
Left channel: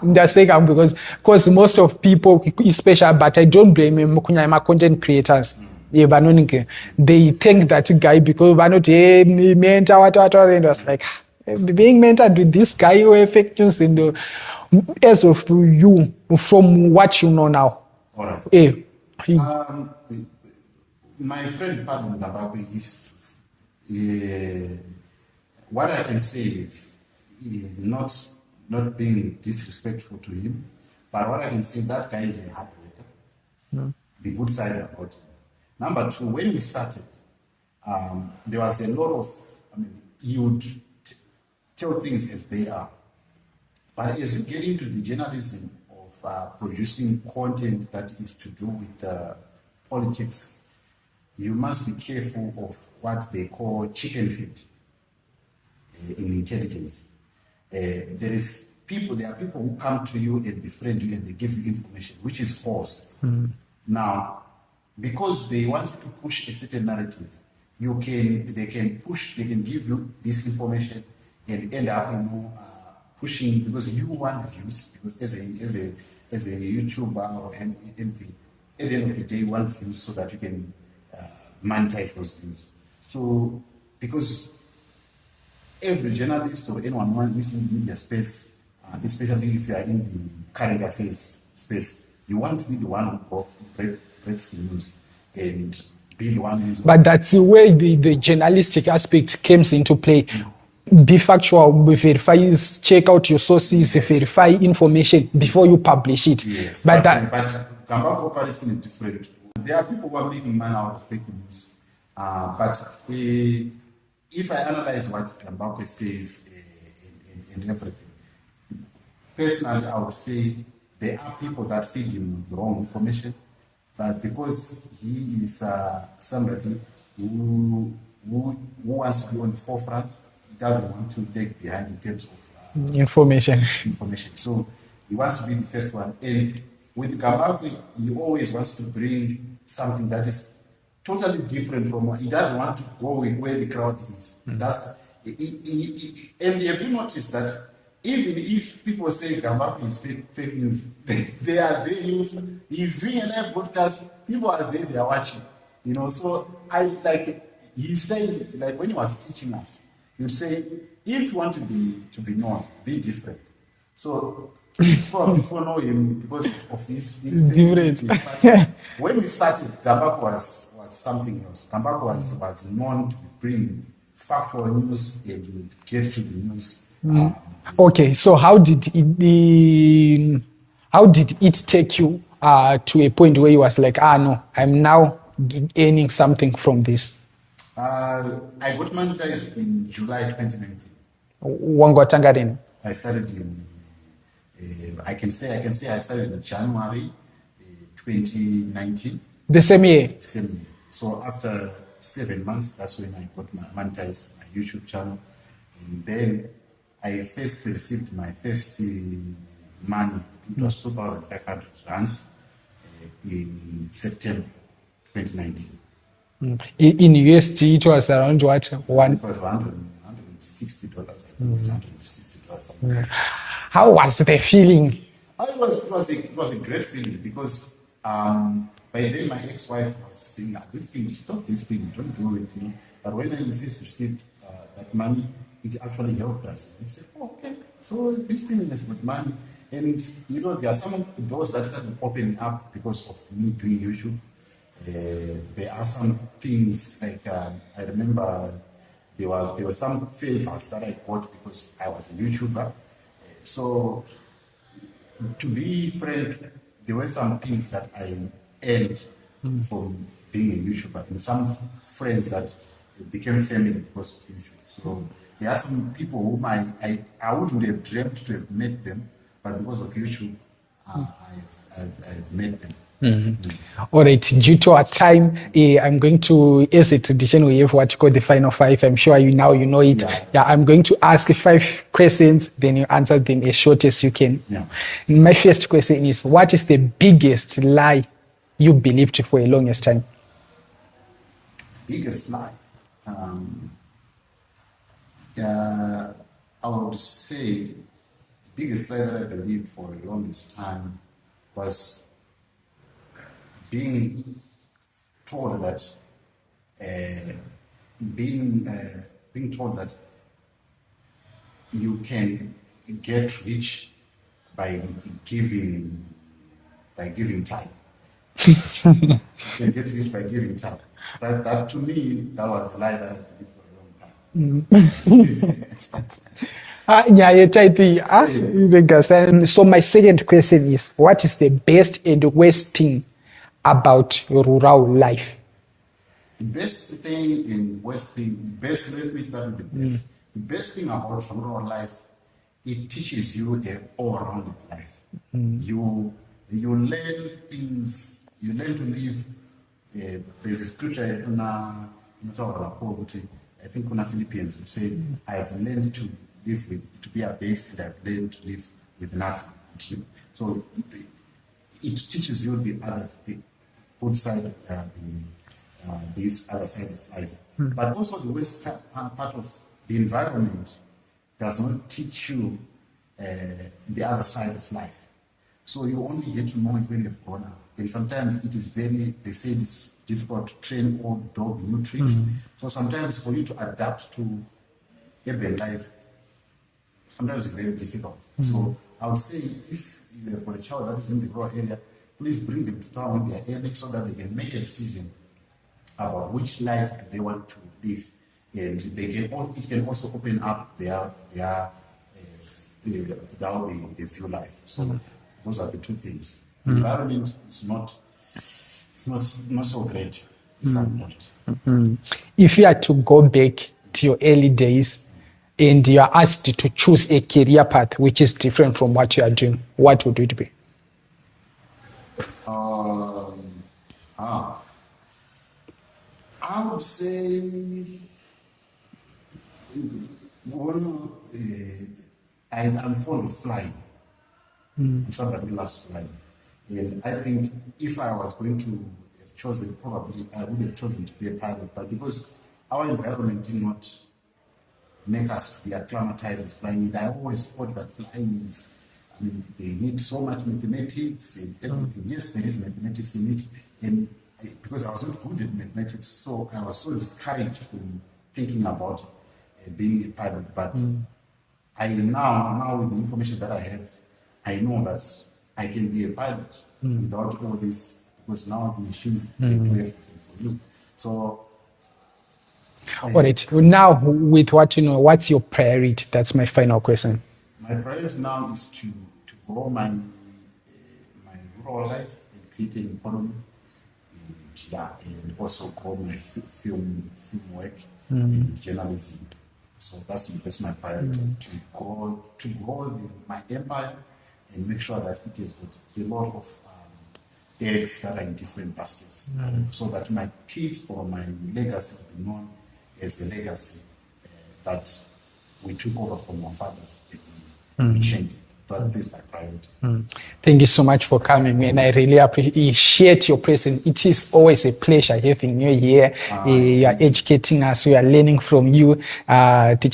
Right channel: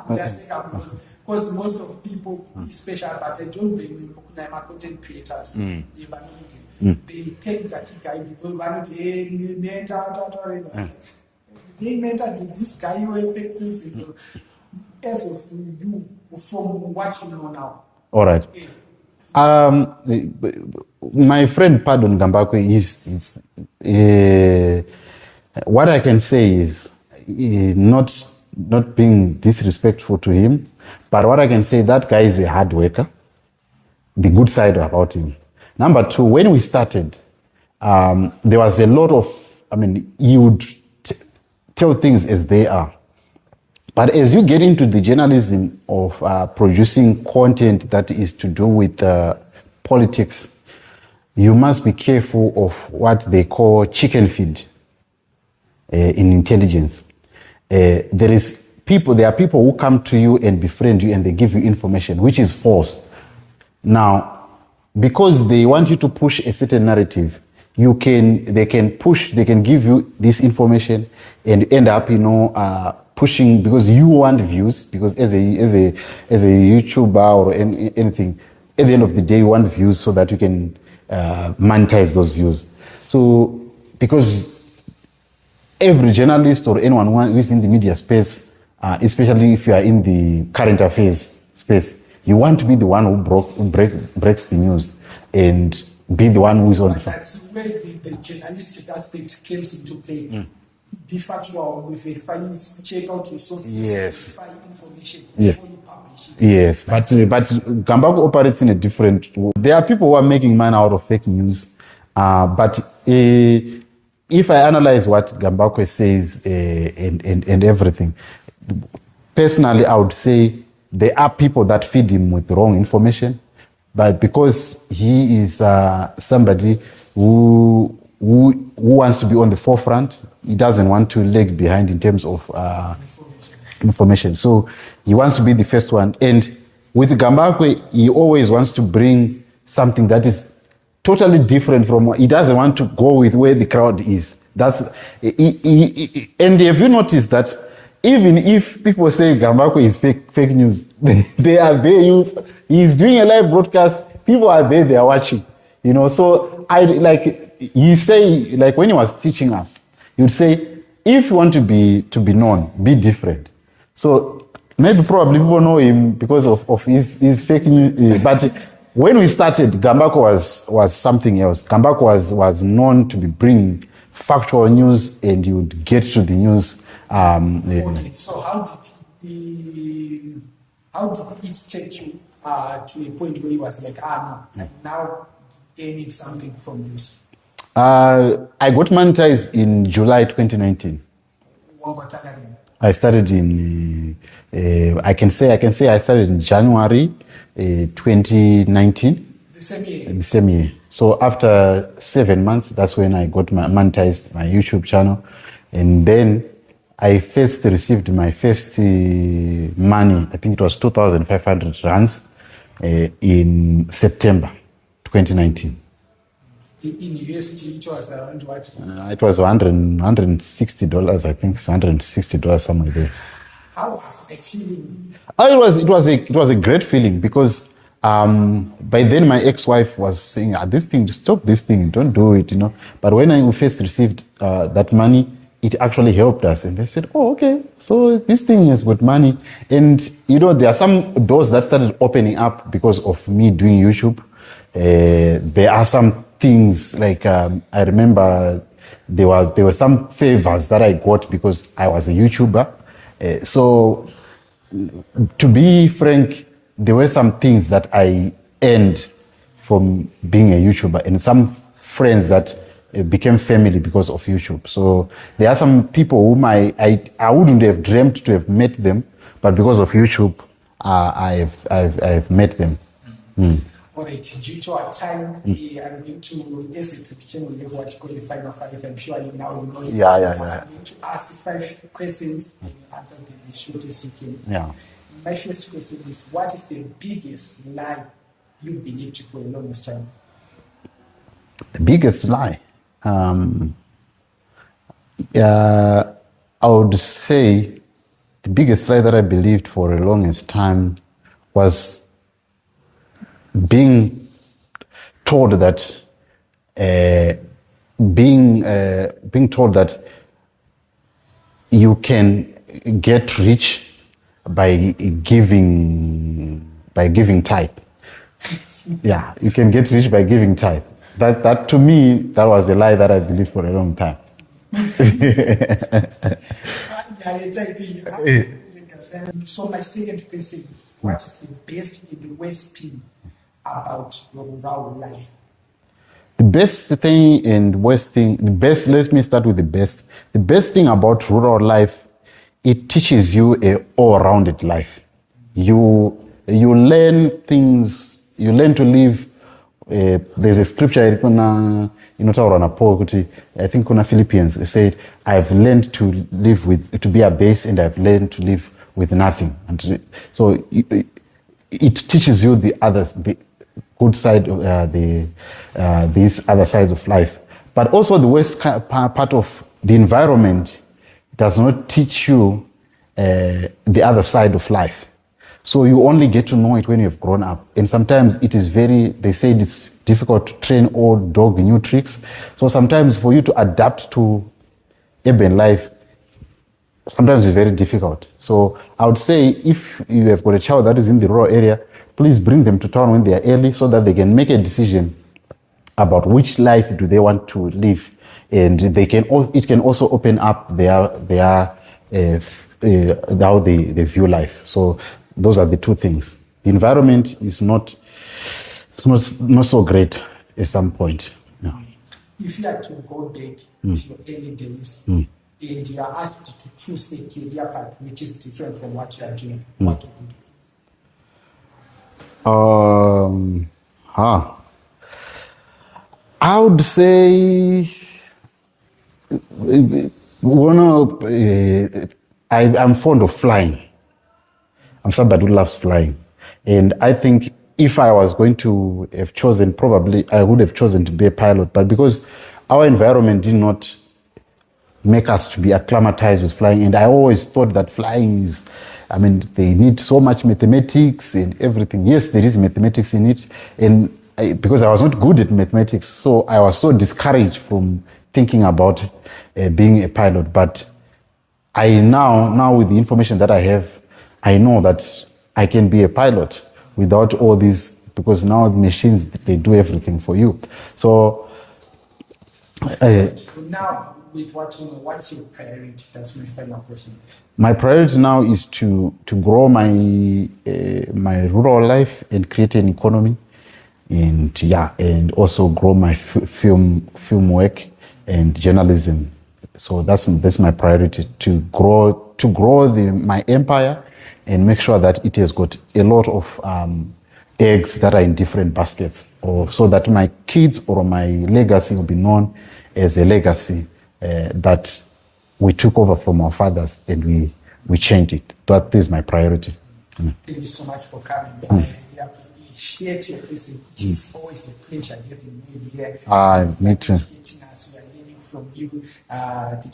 that's like, because most of people, especially, but I don't blame him, my content creators. They think that guy because he mentor, and was like, being mentored with this guy who fake news, and as of you, from what you know now. All right. My friend Pardon Gambakwe is what I can say is not being disrespectful to him, but what I can say, that guy is a hard worker. The good side about him. Number two, when we started, there was a lot of, he would tell things as they are. But as you get into the journalism of producing content that is to do with politics, you must be careful of what they call chicken feed in intelligence. There are people who come to you and befriend you and they give you information, which is false. Now, because they want you to push a certain narrative, they can give you this information and end up, pushing because you want views, because as a YouTuber or anything, at the end of the day you want views so that you can monetize those views. So because every journalist or anyone who is in the media space, especially if you are in the current affairs space, you want to be the one who breaks the news and be the one who is on. But that's where the journalistic aspect comes into play. Be factual, verify, check out your sources, verify information before you publish it. Yes, but Gambakwe operates in a different. There are people who are making money out of fake news, but if I analyze what Gambakwe says and everything, personally, I would say there are people that feed him with wrong information, but because he is somebody who wants to be on the forefront, he doesn't want to lag behind in terms of information. So he wants to be the first one. And with Gambakwe, he always wants to bring something that is totally different from what he doesn't want to go with where the crowd is. And have you noticed that even if people say Gambakwe is fake news, they are there. He's doing a live broadcast. People are there. They are watching. So you say, like when he was teaching us, he would say, if you want to be known, be different. So maybe probably people know him because of his fake news. But when we started, Gambakwe was something else. Gambakwe was known to be bringing factual news, and you would get to the news. Okay, so how did it take you to a point where you was like, no, I'm now earning something from this? I got monetized in July 2019. I started in I can say I started in January 2019. The same year? The same year. So after 7 months, that's when I got monetized my YouTube channel. And then I first received my first money, I think it was 2,500 rands in September 2019. In USD, it was around what? It was $160, I think. It's $160 somewhere there. How was the feeling? It was a great feeling because by then my ex-wife was saying, this thing, stop this thing, don't do it, But when I first received that money, it actually helped us. And they said, oh, okay, so this thing is good money. And, there are some doors that started opening up because of me doing YouTube. There are some things like I remember there were some favors that I got because I was a YouTuber. So to be frank, there were some things that I earned from being a YouTuber, and some friends that became family because of YouTube. So there are some people whom I wouldn't have dreamt to have met them, but because of YouTube, I've met them. All right, due to our time, I'm going to, as a tradition, we have what you call the final five. I'm sure you know it. I'm going to ask 5 questions, then you answer them as short as you can. My first question is, what is the biggest lie you believed for a longest time? The biggest lie? I would say the biggest lie that I believed for the longest time was being told that being told that you can get rich by giving tithe. Yeah, you can get rich by giving tithe. That to me, that was a lie that I believed for a long time. So my second question is, what is the best and worst thing about rural life? The best thing and worst thing, let me start with the best. The best thing about rural life, it teaches you a all-rounded life. You learn things, you learn to live. There's a scripture I think kuna Philippians said, I've learned to live to be a base, and I've learned to live with nothing. And so it teaches you the good side of these other sides of life. But also the worst part of the environment does not teach you the other side of life. So you only get to know it when you've grown up. And sometimes it is they say it's difficult to train old dog new tricks. So sometimes for you to adapt to urban life, sometimes it's very difficult. So I would say if you have got a child that is in the rural area, please bring them to town when they are early so that they can make a decision about which life do they want to live. And it can also open up how they view life. So those are the two things. The environment is not so great at some point. If you had to go back to your early days and you are asked to choose a career path which is different from what you are doing, what would it be? I would say I'm fond of flying. I'm somebody who loves flying. And I think if I was going to have chosen, probably I would have chosen to be a pilot. But because our environment did not make us to be acclimatized with flying, and I always thought that flying is, they need so much mathematics and everything. Yes, there is mathematics in it. And because I was not good at mathematics, so I was so discouraged from thinking about being a pilot. But I now with the information that I have, I know that I can be a pilot without all these, because now the machines, they do everything for you. So now with what's your priority? That's my final question. My priority now is to grow my rural life and create an economy, and also grow my film work and journalism. So that's my priority, to grow my empire and make sure that it has got a lot of eggs that are in different baskets, so that my kids or my legacy will be known as a legacy that we took over from our fathers, and we changed it. That is my priority. Thank you so much for coming, and I really appreciate your presence. It is always a pleasure having you here. You are educating us. We are learning from you. Let's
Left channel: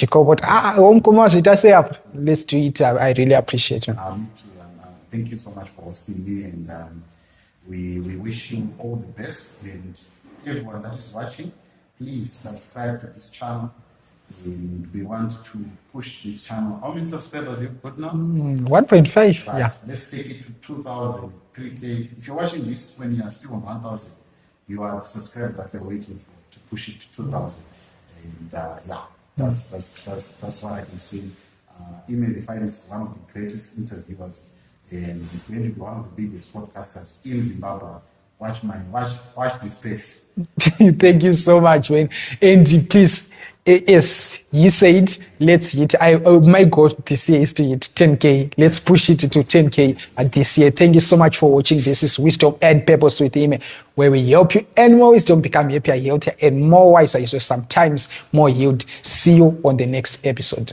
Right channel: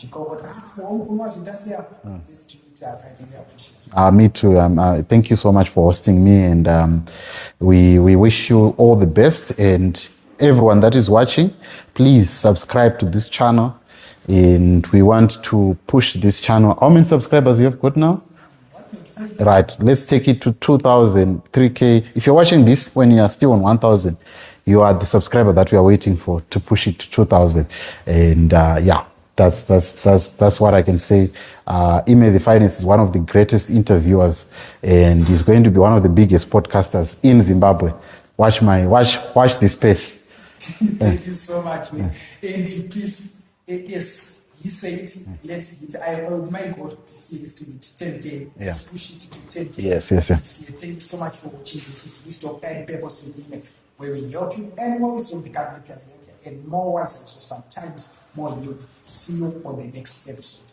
do it. I really appreciate you. Me too. Thank you so much for hosting me, and we wish you all the best. And everyone that is watching, please subscribe to this channel. And we want to push this channel. How many subscribers you have got now? 1.5. Right. Yeah. Let's take it to 2,000, 3K. If you're watching this when you are still on 1,000, you are the subscriber that we are waiting for to push it to 2,000. And that's what I can say. Ime the Finest is one of the greatest interviewers, and he's going to be one of the biggest podcasters in Zimbabwe. Watch this space. Thank you so much, Wayne. And please, Yes, he said, let's hit. My goal this year is to hit 10K. Let's push it to 10K this year. Thank you so much for watching. This is Wisdom and Purpose with Ime, where we help you and more wisdom become happier, healthier, and more wiser, so sometimes more healed. See you on the next episode.